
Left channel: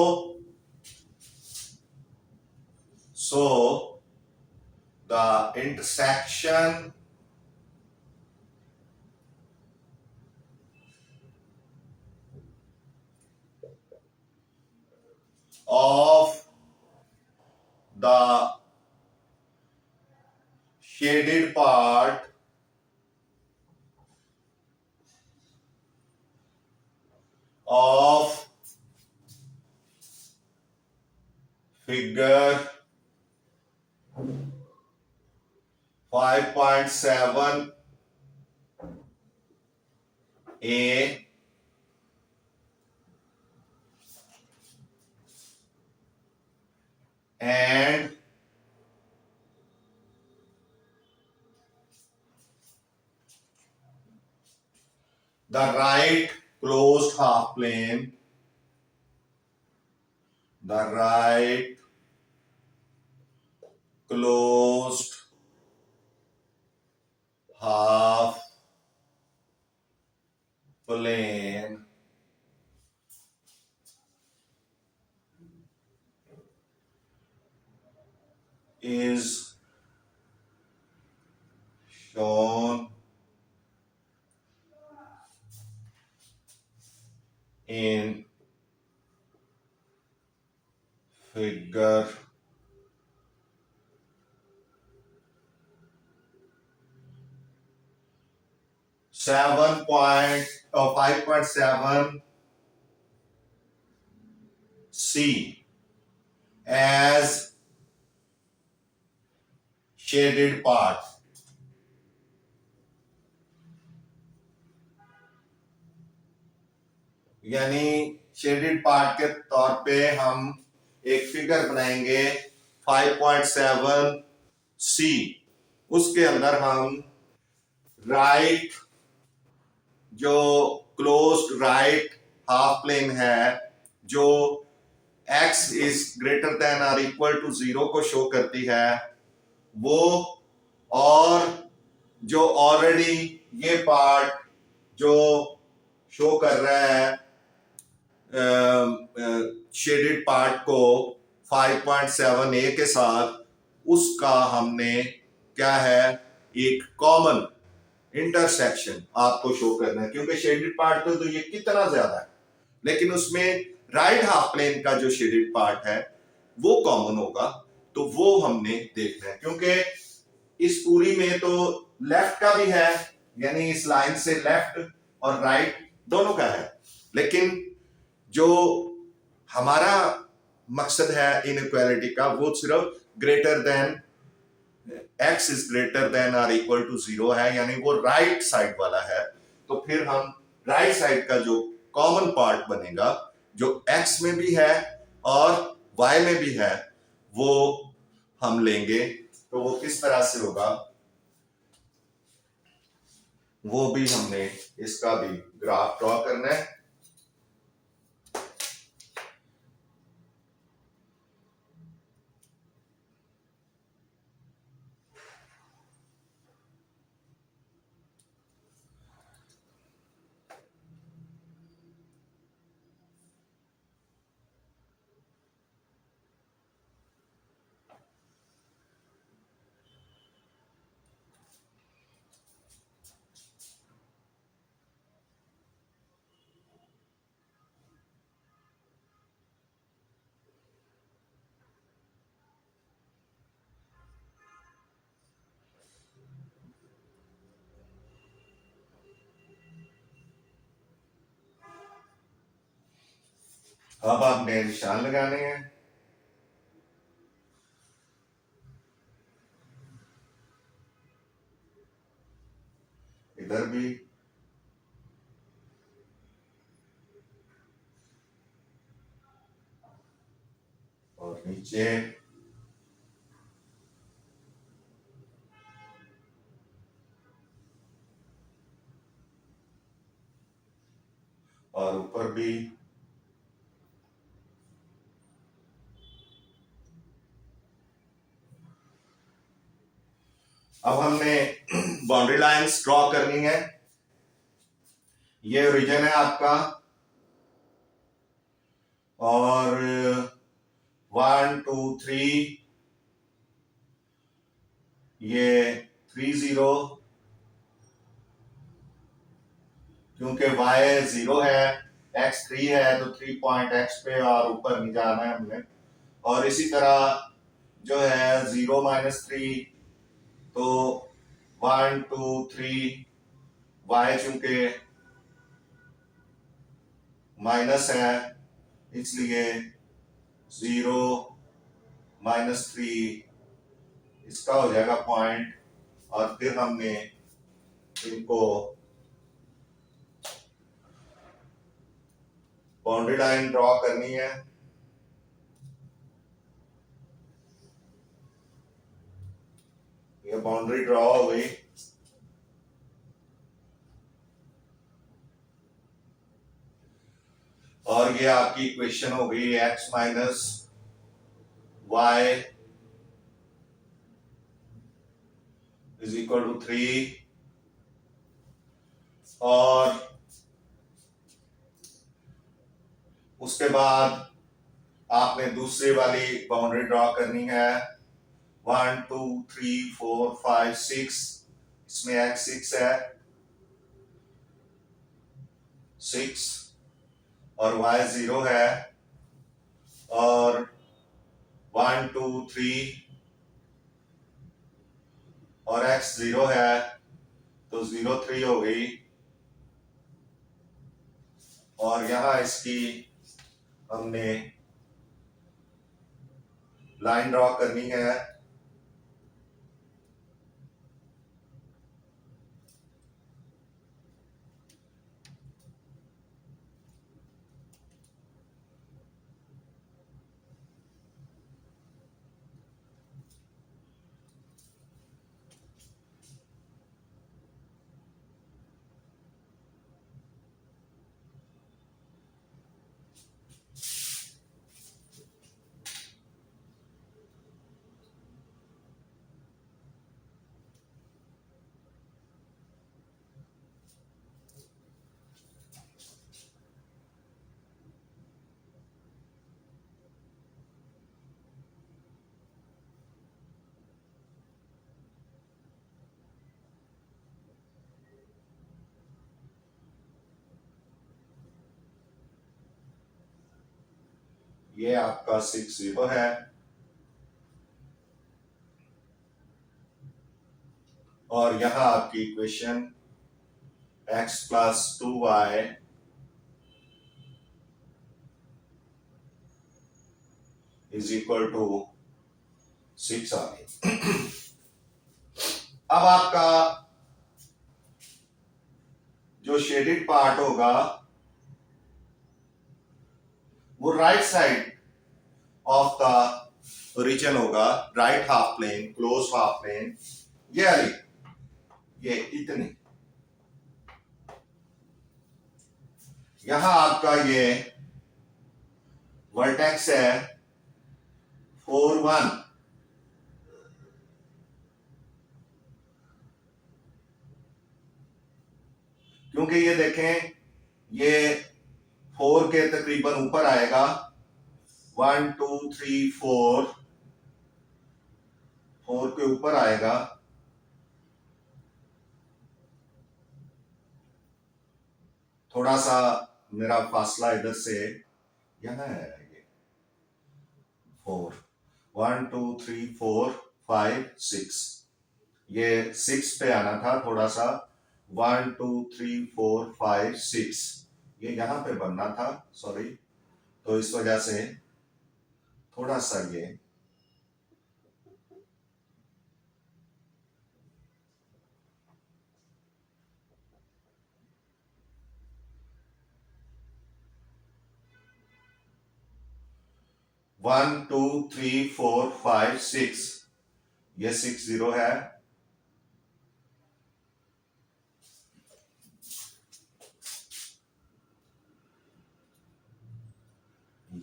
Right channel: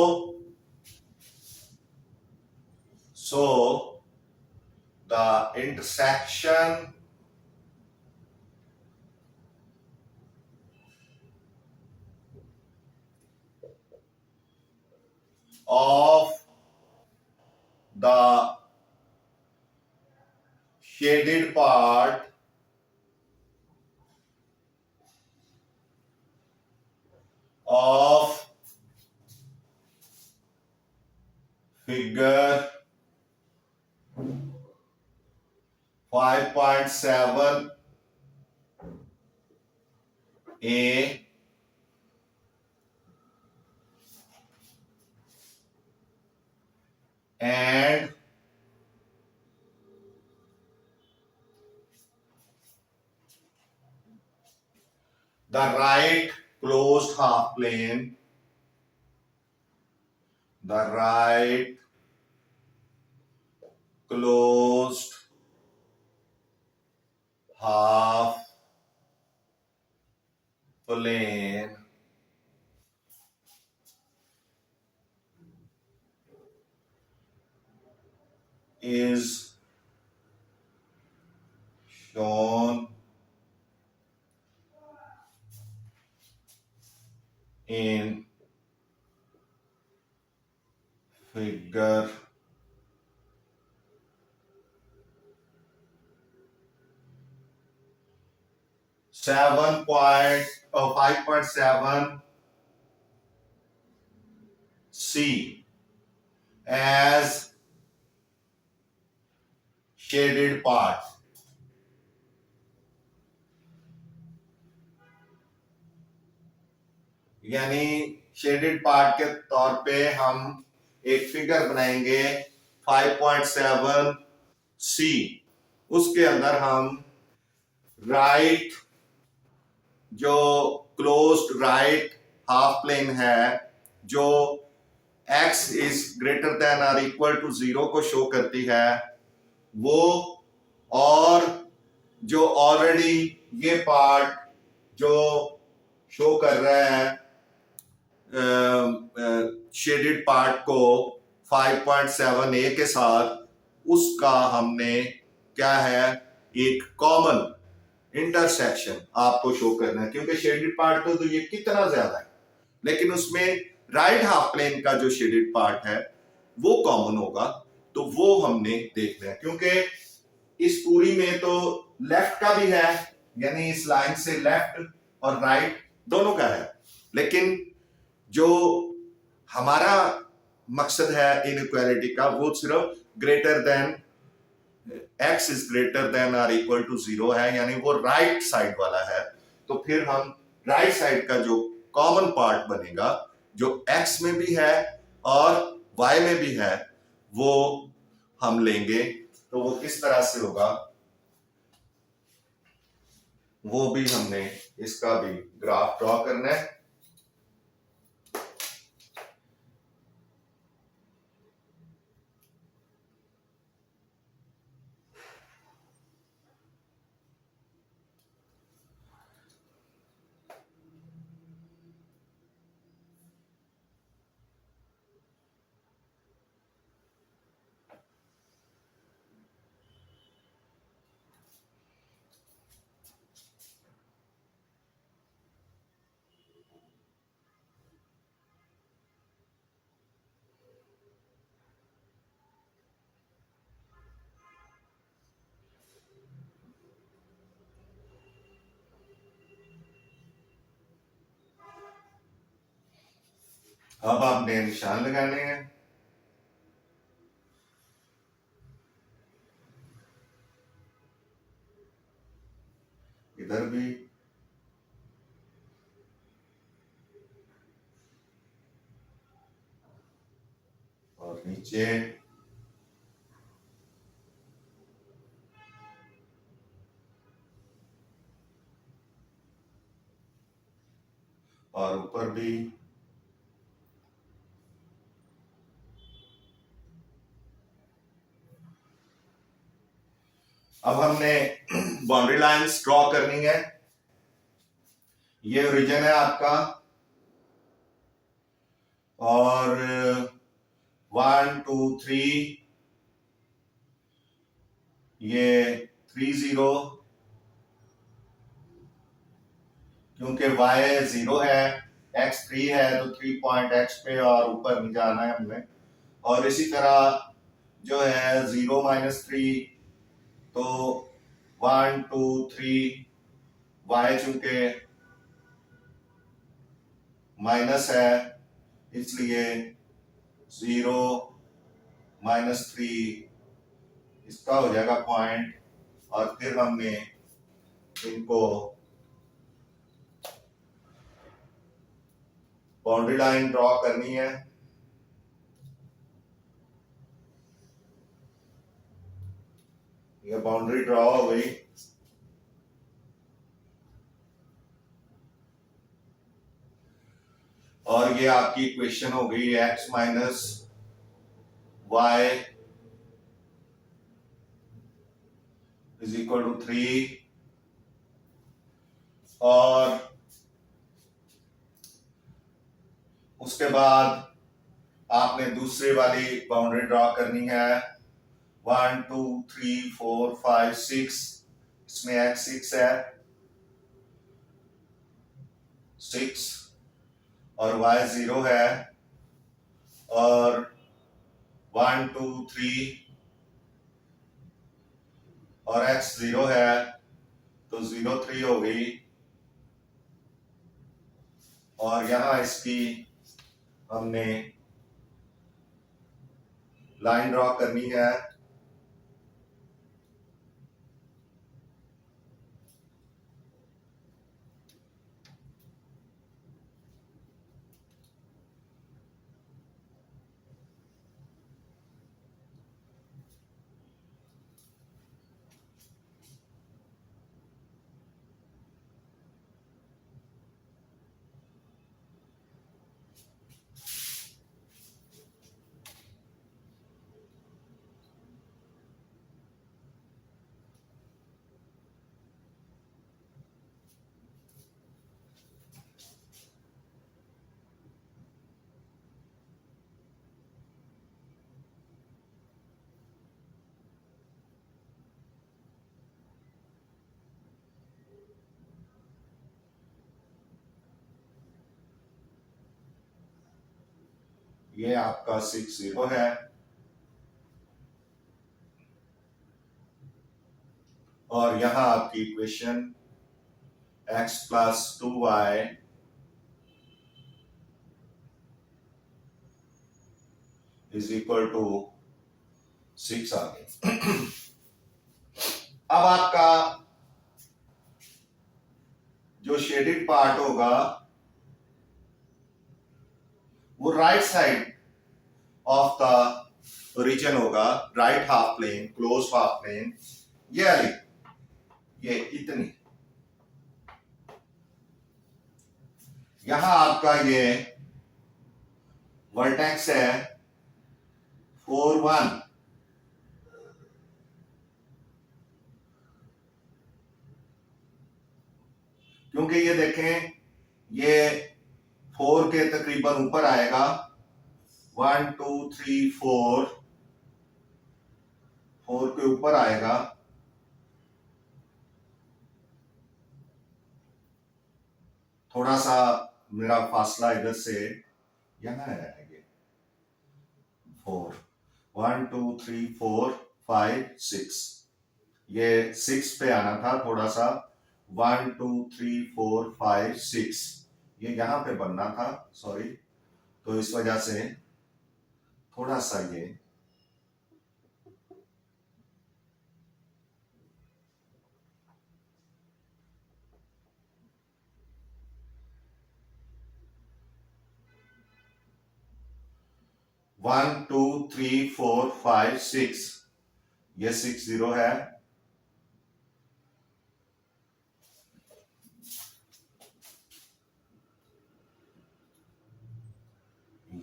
the intersection of the shaded part of figure 5.7 A and the right closed half plane, the right closed half plane is shown in figure 5.7 C as shaded part। यानी shaded part के तौर पे हम एक figure बनाएंगे 5.7 C। उसके अंदर हम राइट जो क्लोज्ड राइट हाफ प्लेन है जो x इज ग्रेटर देन और इक्वल टू 0 को शो करती है वो, और जो ऑलरेडी ये पार्ट जो शो कर रहा है शेडेड पार्ट को 5.7 ए के साथ, उसका हमने क्या है एक कॉमन इंटरसेक्शन आपको शो करना है, क्योंकि शेडेड पार्ट तो ये कितना ज्यादा है, लेकिन उसमें राइट हाफ प्लेन का जो शेडेड पार्ट है वो कॉमन होगा, तो वो हमने देखना है। क्योंकि इस पूरी में तो लेफ्ट का भी है, यानी इस लाइन से लेफ्ट और राइट दोनों का है, लेकिन जो हमारा मकसद है इनइक्वालिटी का वो सिर्फ greater than x is greater than और इक्वल टू 0 है, यानी वो राइट साइड वाला है। तो फिर हम राइट साइड का जो कॉमन पार्ट बनेगा, जो x में भी है और y में भी है, वो हम लेंगे। तो वो किस तरह से होगा वो भी हमने इसका भी ग्राफ ड्रॉ करना है। अब आपने निशान लगाने हैं, इधर भी और नीचे, और ऊपर भी। अब हमने बाउंड्री लाइंस ड्रॉ करनी है। ये ओरिजिन है आपका, और 1 2 3 ये 3 0, क्योंकि y 0 है, x 3 है, तो 3 पॉइंट x पे और ऊपर नहीं जाना है हमने। और इसी तरह जो है 0 -3, तो 1 2 3 y चूंकि माइनस है, इसलिए 0 -3 इसका हो जाएगा पॉइंट। और फिर हमने इनको बाउंड्री लाइन ड्रॉ करनी है। ये बाउंड्री ड्रॉ हो गई। और ये आपकी इक्वेशन हो गई x minus y is equal to 3। और उसके बाद आपने दूसरी वाली बाउंड्री ड्रॉ करनी है, 1 2 3 4 5 6, इसमें x 6 है, 6, और y 0 है, और 1 2 3 और x 0 है, तो 0 3 हो गई। और यहां इसकी हमने लाइन ड्रॉ करनी है। ये आपका 60 है, और यहां आपकी equation x plus 2y is equal to 6 आ गई। अब आपका जो शेडेड पार्ट होगा वो right side of the region होगा, right half plane, closed half plane, ये वाली, ये इतनी। यहां आपका ये वर्टेक्स है 4 1, क्योंकि ये देखें ये 4 के तकरीबन ऊपर आएगा, 1 2 3 4, 4 के ऊपर आएगा, थोड़ा सा मेरा फासला इधर से यहाँ है, ये 4, 1 2 3 4 5 6, ये 6 पे आना था थोड़ा सा, 1 2 3 4 5 6, ये यहां पे बनना था, सॉरी, तो इस वजह से थोड़ा सा ये 1 2 3 4 5 6, ये 60 है,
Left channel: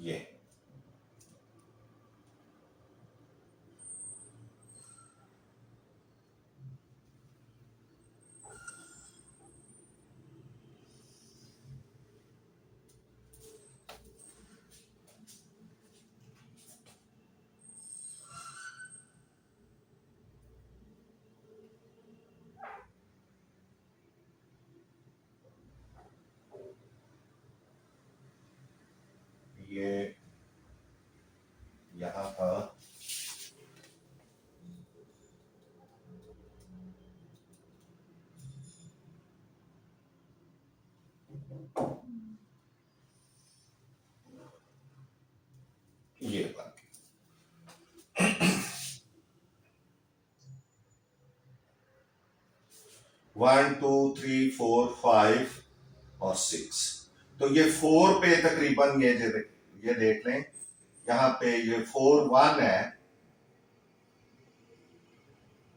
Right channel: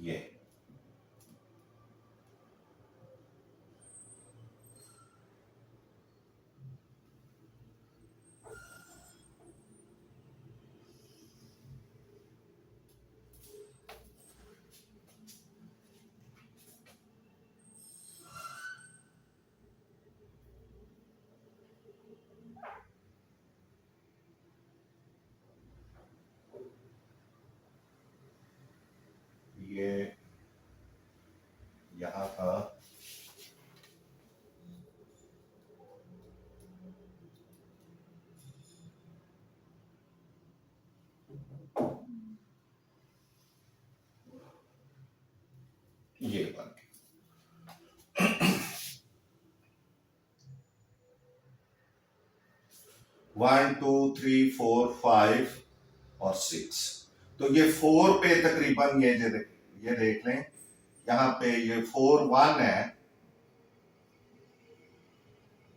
ये ये यहां का ये बन गया 1 2 3 4 5 और 6, तो ये 4 पे तकरीबन ये देख लें, यहाँ पे ये 4 1 है,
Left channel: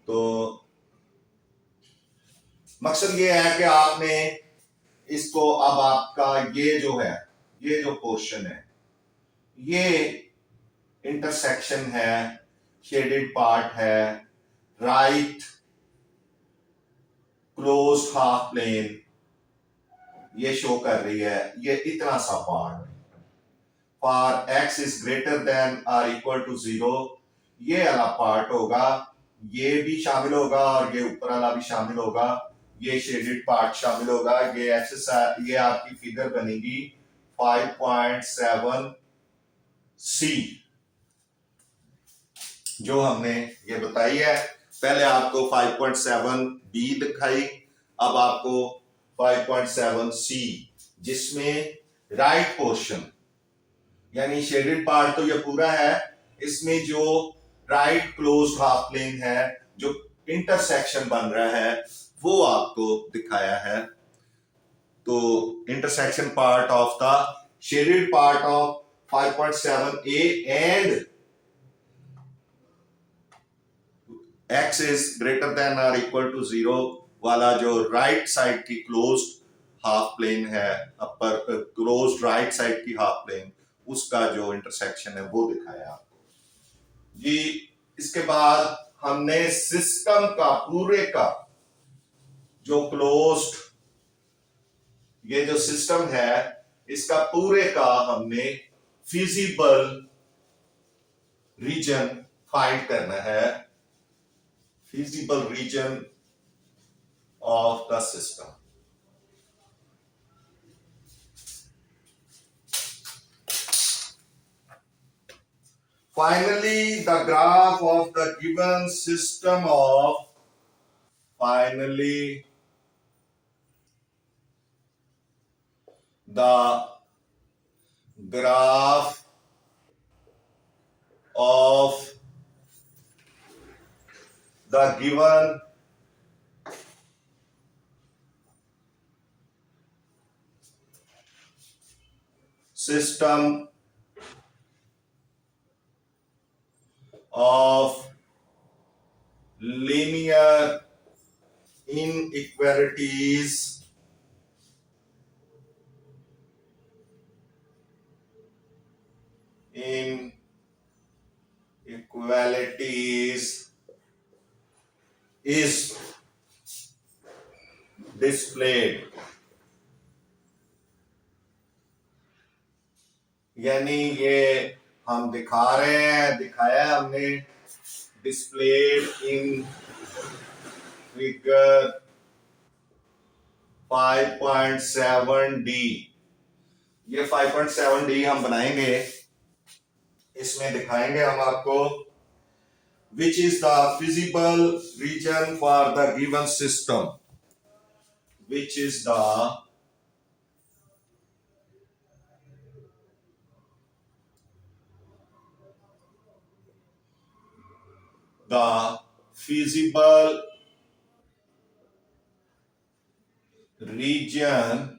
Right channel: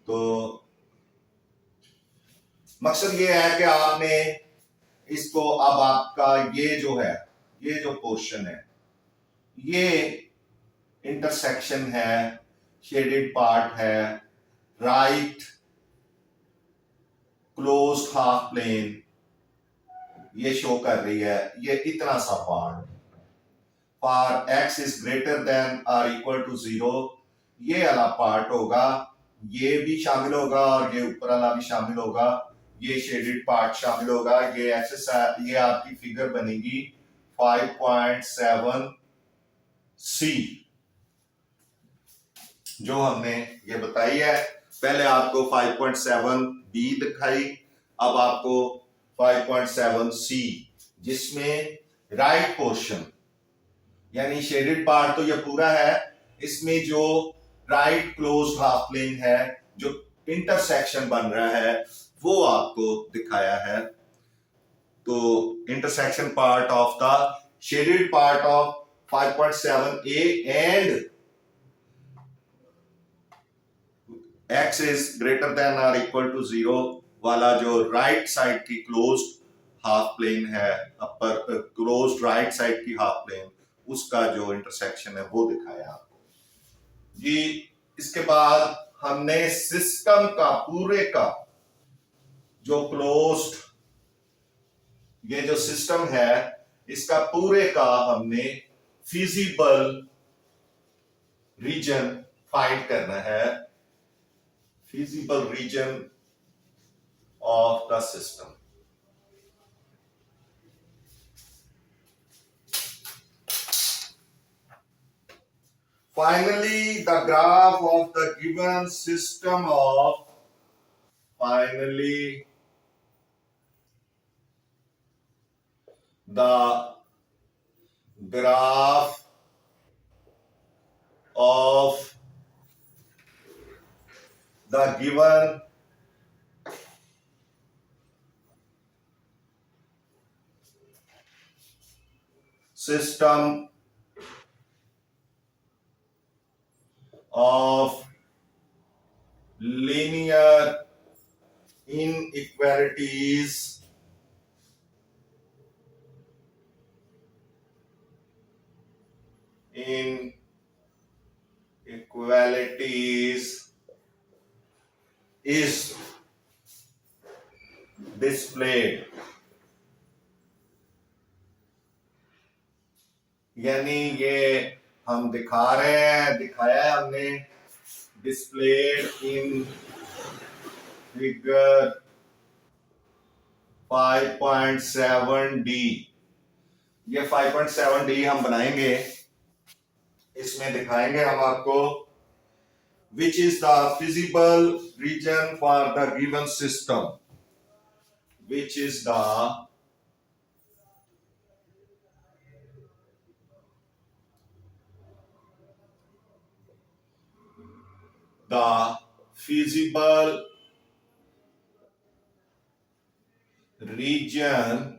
तो मकसद ये है कि आपने इसको, अब आपका ये जो है, ये जो पोर्शन है, ये इंटरसेक्शन है, शेडेड पार्ट है, राइट क्लोज्ड हाफ प्लेन ये शो कर रही है, ये इतना सा part, for x is greater than और इक्वल टू 0, ये वाला पार्ट होगा, ये भी शामिल होगा और ये ऊपर वाला भी शामिल होगा, ये शेडेड पार्ट शामिल होगा, ये एक्सरसाइज, ये आपकी फिगर बनेगी 5.7 सी जो हमने ये बताई है। पहले आपको 5.7 बी दिखाई, अब आपको 5.7 सी, जिसमें राइट पोर्शन यानी शेडेड पार्ट तो ये पूरा है, इसमें जो राइट क्लोज्ड हाफ प्लेन है, जो इंटरसेक्शन बन रहा है, वो आपको दिखाया है। तो intersection part of the shaded part of 5.7 A and x is greater than or equal to 0 वाला जो राइट साइड की क्लोज्ड हाफ प्लेन है, अपर क्लोज्ड राइट साइड की हाफ प्लेन, उसका जो इंटरसेक्शन है वो दिखाया आपको जी। इसके बाद हमने सिस्टम का पूरे का जो क्लोज्ड ये जो सिस्टम है, इसका पूरे का हमने फिजिबल रीजन फाइंड करना है, feasible region of the system। finally the graph of the given system of finally the graph of the given system of linear inequalities is displayed, यानी ये हम दिखा रहे हैं, दिखाया है हमने, displayed in figure 5.7D। ये 5.7D हम बनाएंगे, इसमें दिखाएंगे हम आपको which is the feasible region for the given system, which is the feasible region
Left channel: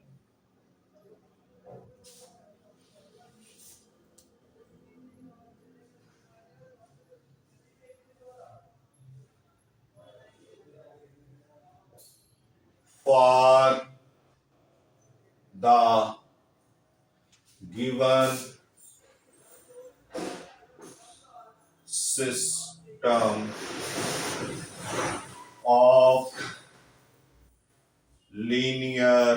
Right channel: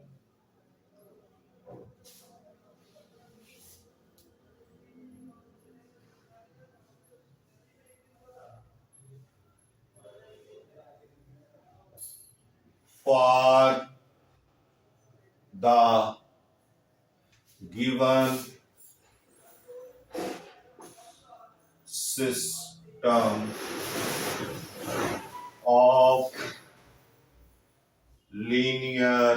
for the given system of linear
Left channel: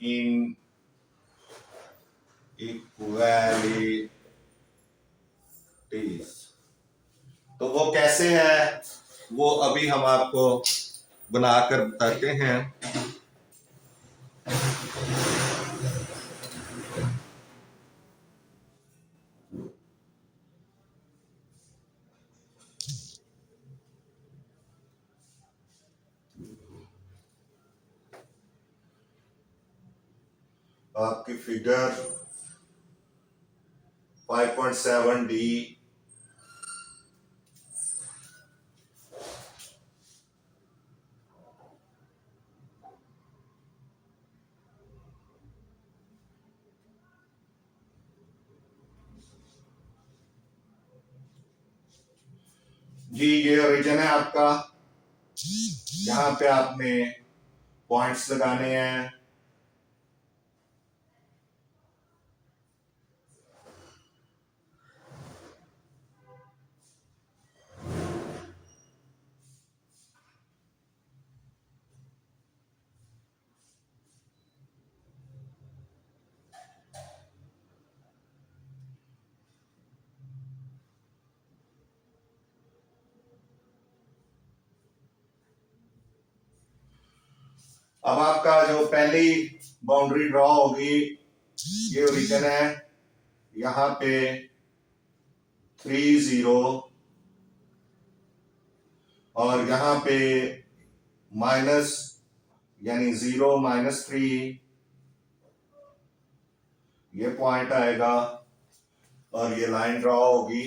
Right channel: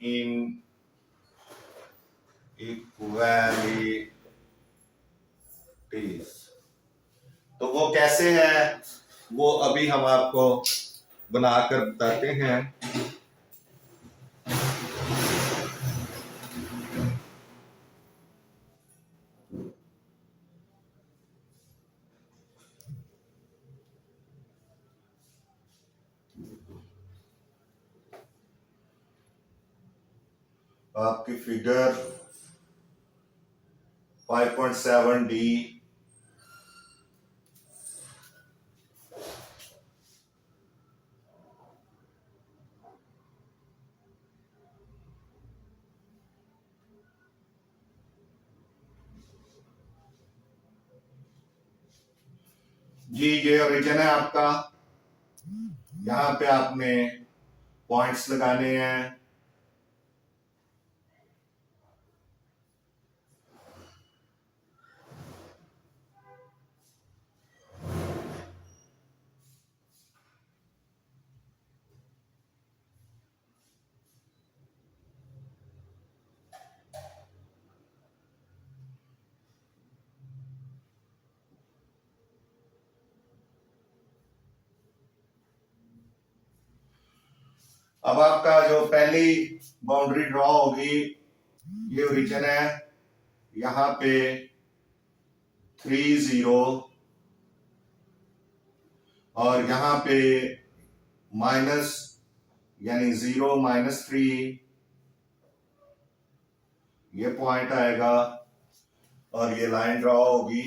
inequalities। तो वो कैसे है, वो अभी हम आपको बनाकर बताते हैं। आपकी फिगर 5.7D जी, ये ओरिजिन है आपका। यहां पे आपने पॉइंट्स लगाने हैं। अब आपका जो पहली बाउंड्री ड्रॉ होगी, ये ओरिजिन है, यहां पे 3 0 और यहां पे माइनस यानी 0 -3, ये पॉइंट आएगा और ये लाइन ड्रॉ होगी।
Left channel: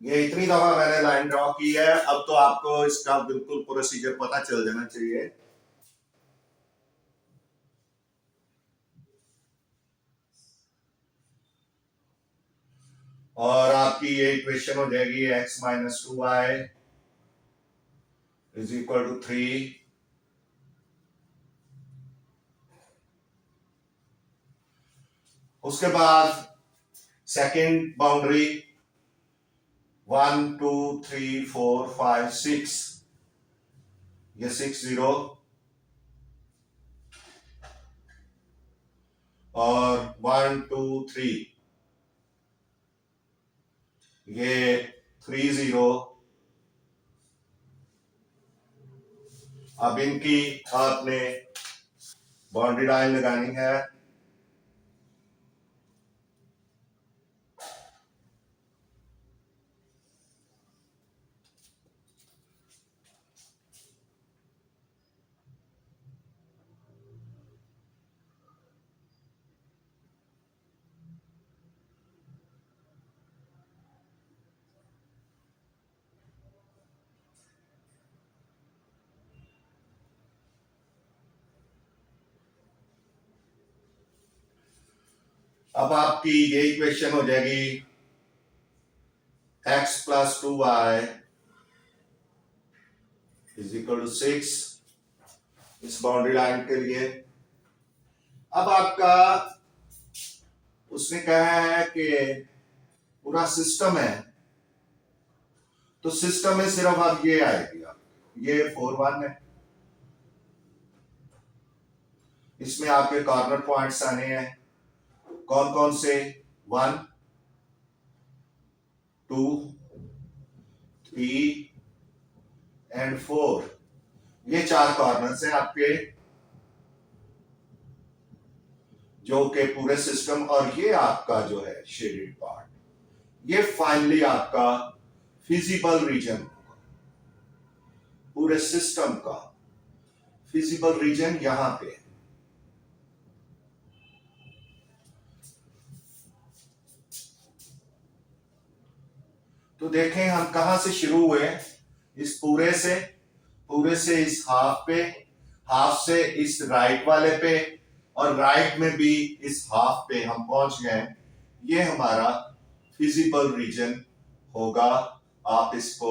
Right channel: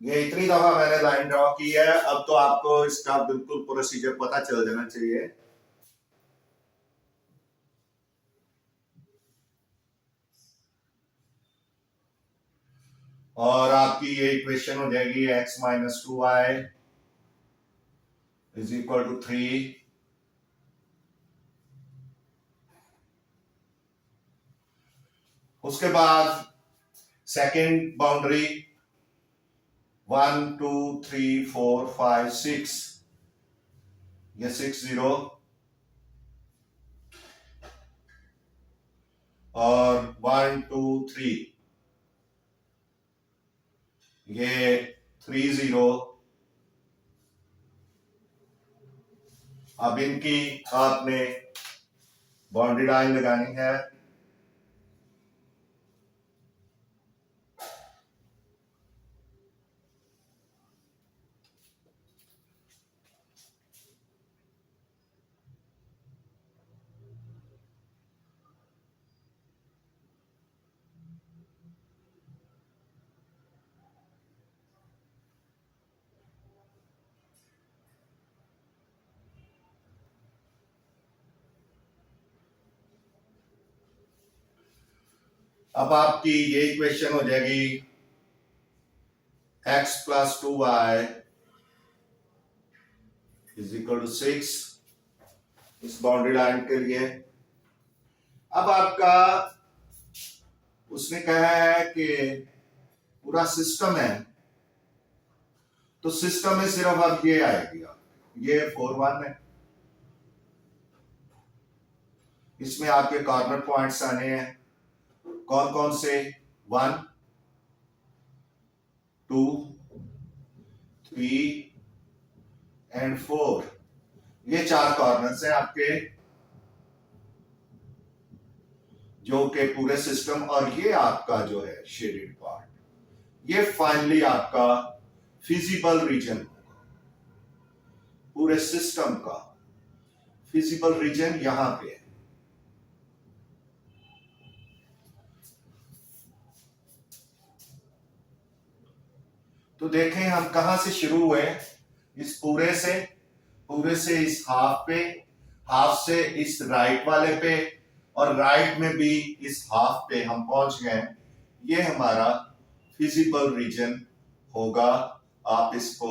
ये इतनी दफा मैंने लाइन ड्रॉ की है, अब तो आपको इसका बिल्कुल प्रोसीजर पता चल जाना चाहिए। और आपकी ये इक्वेशन हो जाएगी x - 2y = 3। उसके बाद सेकेंड बाउंड्री 1 2 3 4 5 6, ये 6 0 और 1 2 3, ये 3 0 अब इनकी आपने बाउंड्री लाइन लगानी है। अब आपकी ये इक्वेशन हो जाएगी x + 2y = 6 इस बाउंड्री लाइन के लिए। अब आपका उसने कहा है कि पूरा सिस्टम है, तो सिस्टम में सिर्फ अब ये आएगी, ये 4 1 है। इसमें आपके कॉर्नर पॉइंट्स आने हैं, कौन कौन से? 1 2 3 एंड 4। ये 4 कॉर्नर्स हैं आपके, जो कि पूरे सिस्टम, और ये आपका जो है शेडेड पार्ट, ये फाइनली आपका फिजिबल रीजन होगा। पूरे सिस्टम का फिजिबल रीजन यहां पे है। तो देखें हम कहां से शुरू हुए, इस पूरे से इस हाफ पे, हाफ से इस राइट वाले पे, और राइट में भी इस हाफ पे हम पहुंच गए। ये हमारा फिजिबल रीजन होगा। आप इसको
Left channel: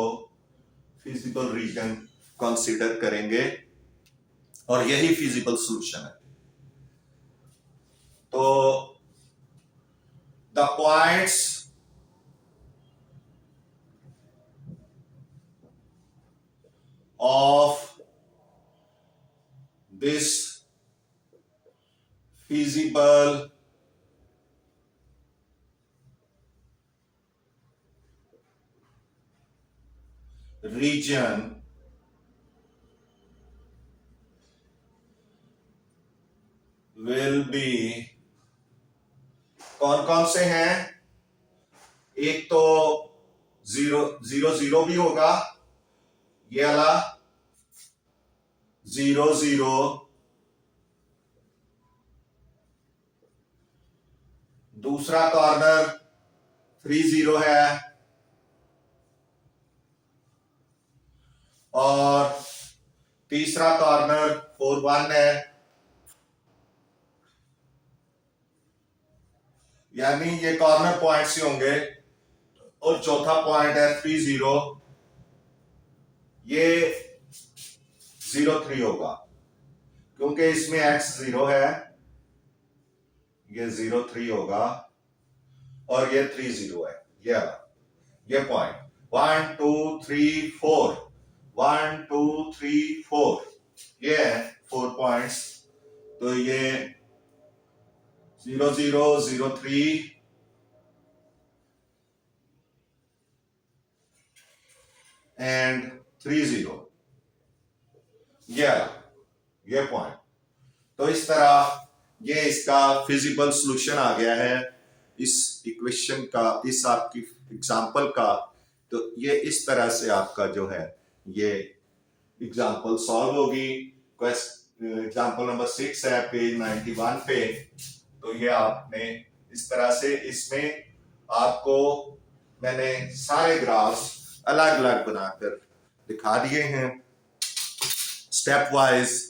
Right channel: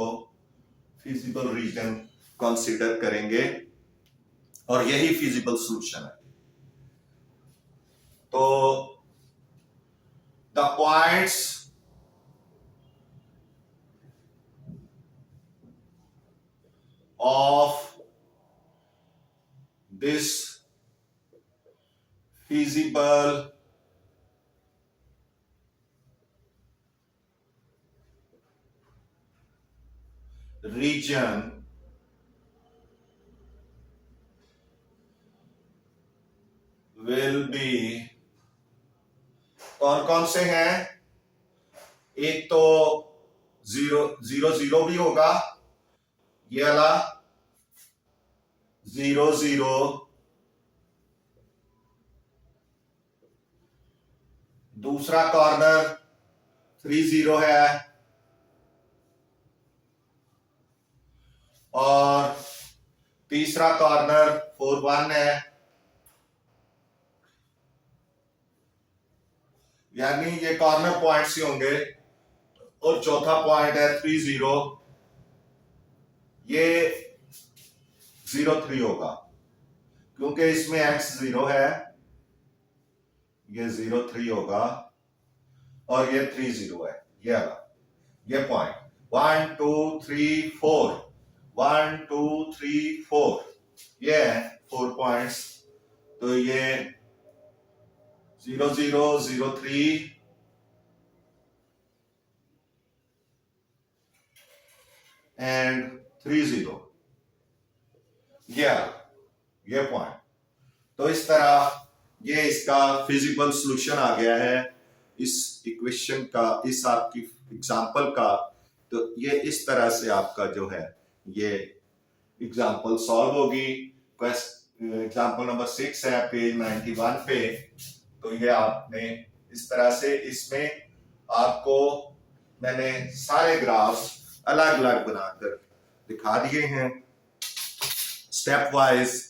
फिजिबल रीजन कंसीडर करेंगे और यही फिजिबल सॉल्यूशन है। तो the points of this feasible region will be, कौन कौन से हैं? एक तो 0 0 0 भी होगा, ये वाला 0 0, दूसरा कॉर्नर 3 0 है, और तीसरा कॉर्नर 4 1 है। यानी ये कॉर्नर पॉइंट्स ही होंगे। और चौथा पॉइंट है 3 0, ये 0 3 होगा, क्योंकि इसमें x 0 है, ये 0 3 होगा, और ये 3 0 है। ये पॉइंट 1 2 3 4, 1 2 3 4, ये है 4 पॉइंट्स। तो ये 0 0 0 3 एंड 3 0, ये पॉइंट। तो इस तरह ये इसका फिजिबल सॉल्यूशन आ गया है इस इक्वेशन का, इस आपकी एग्जांपल का। तो ये इस तरह से आपका जो है ये एग्जांपल सॉल्व होगी। एग्जांपल नंबर 6 है पेज 91 पे। तो ये आपने इस तरह से, इसमें आपको मैंने सारे ग्राफ्स अलग अलग बनाकर दिखा दिए हैं स्टेप वाइज।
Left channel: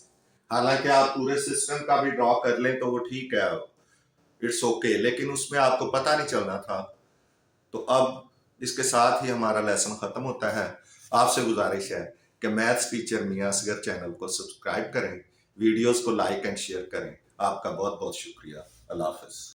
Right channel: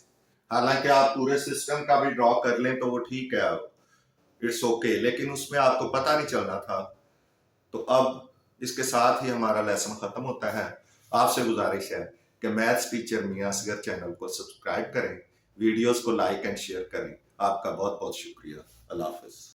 हालांकि आप पूरे सिस्टम का भी ड्रॉ कर लें तो वो ठीक है, इट्स ओके, लेकिन उसमें आपको पता नहीं चलना था। तो अब इसके साथ ही हमारा लेसन खत्म होता है। आपसे गुजारिश है कि मैथ्स टीचर मियां असगर चैनल को सब्सक्राइब करें, वीडियोस को लाइक एंड शेयर करें। आपका बहुत बहुत शुक्रिया। अल्लाह हाफिज।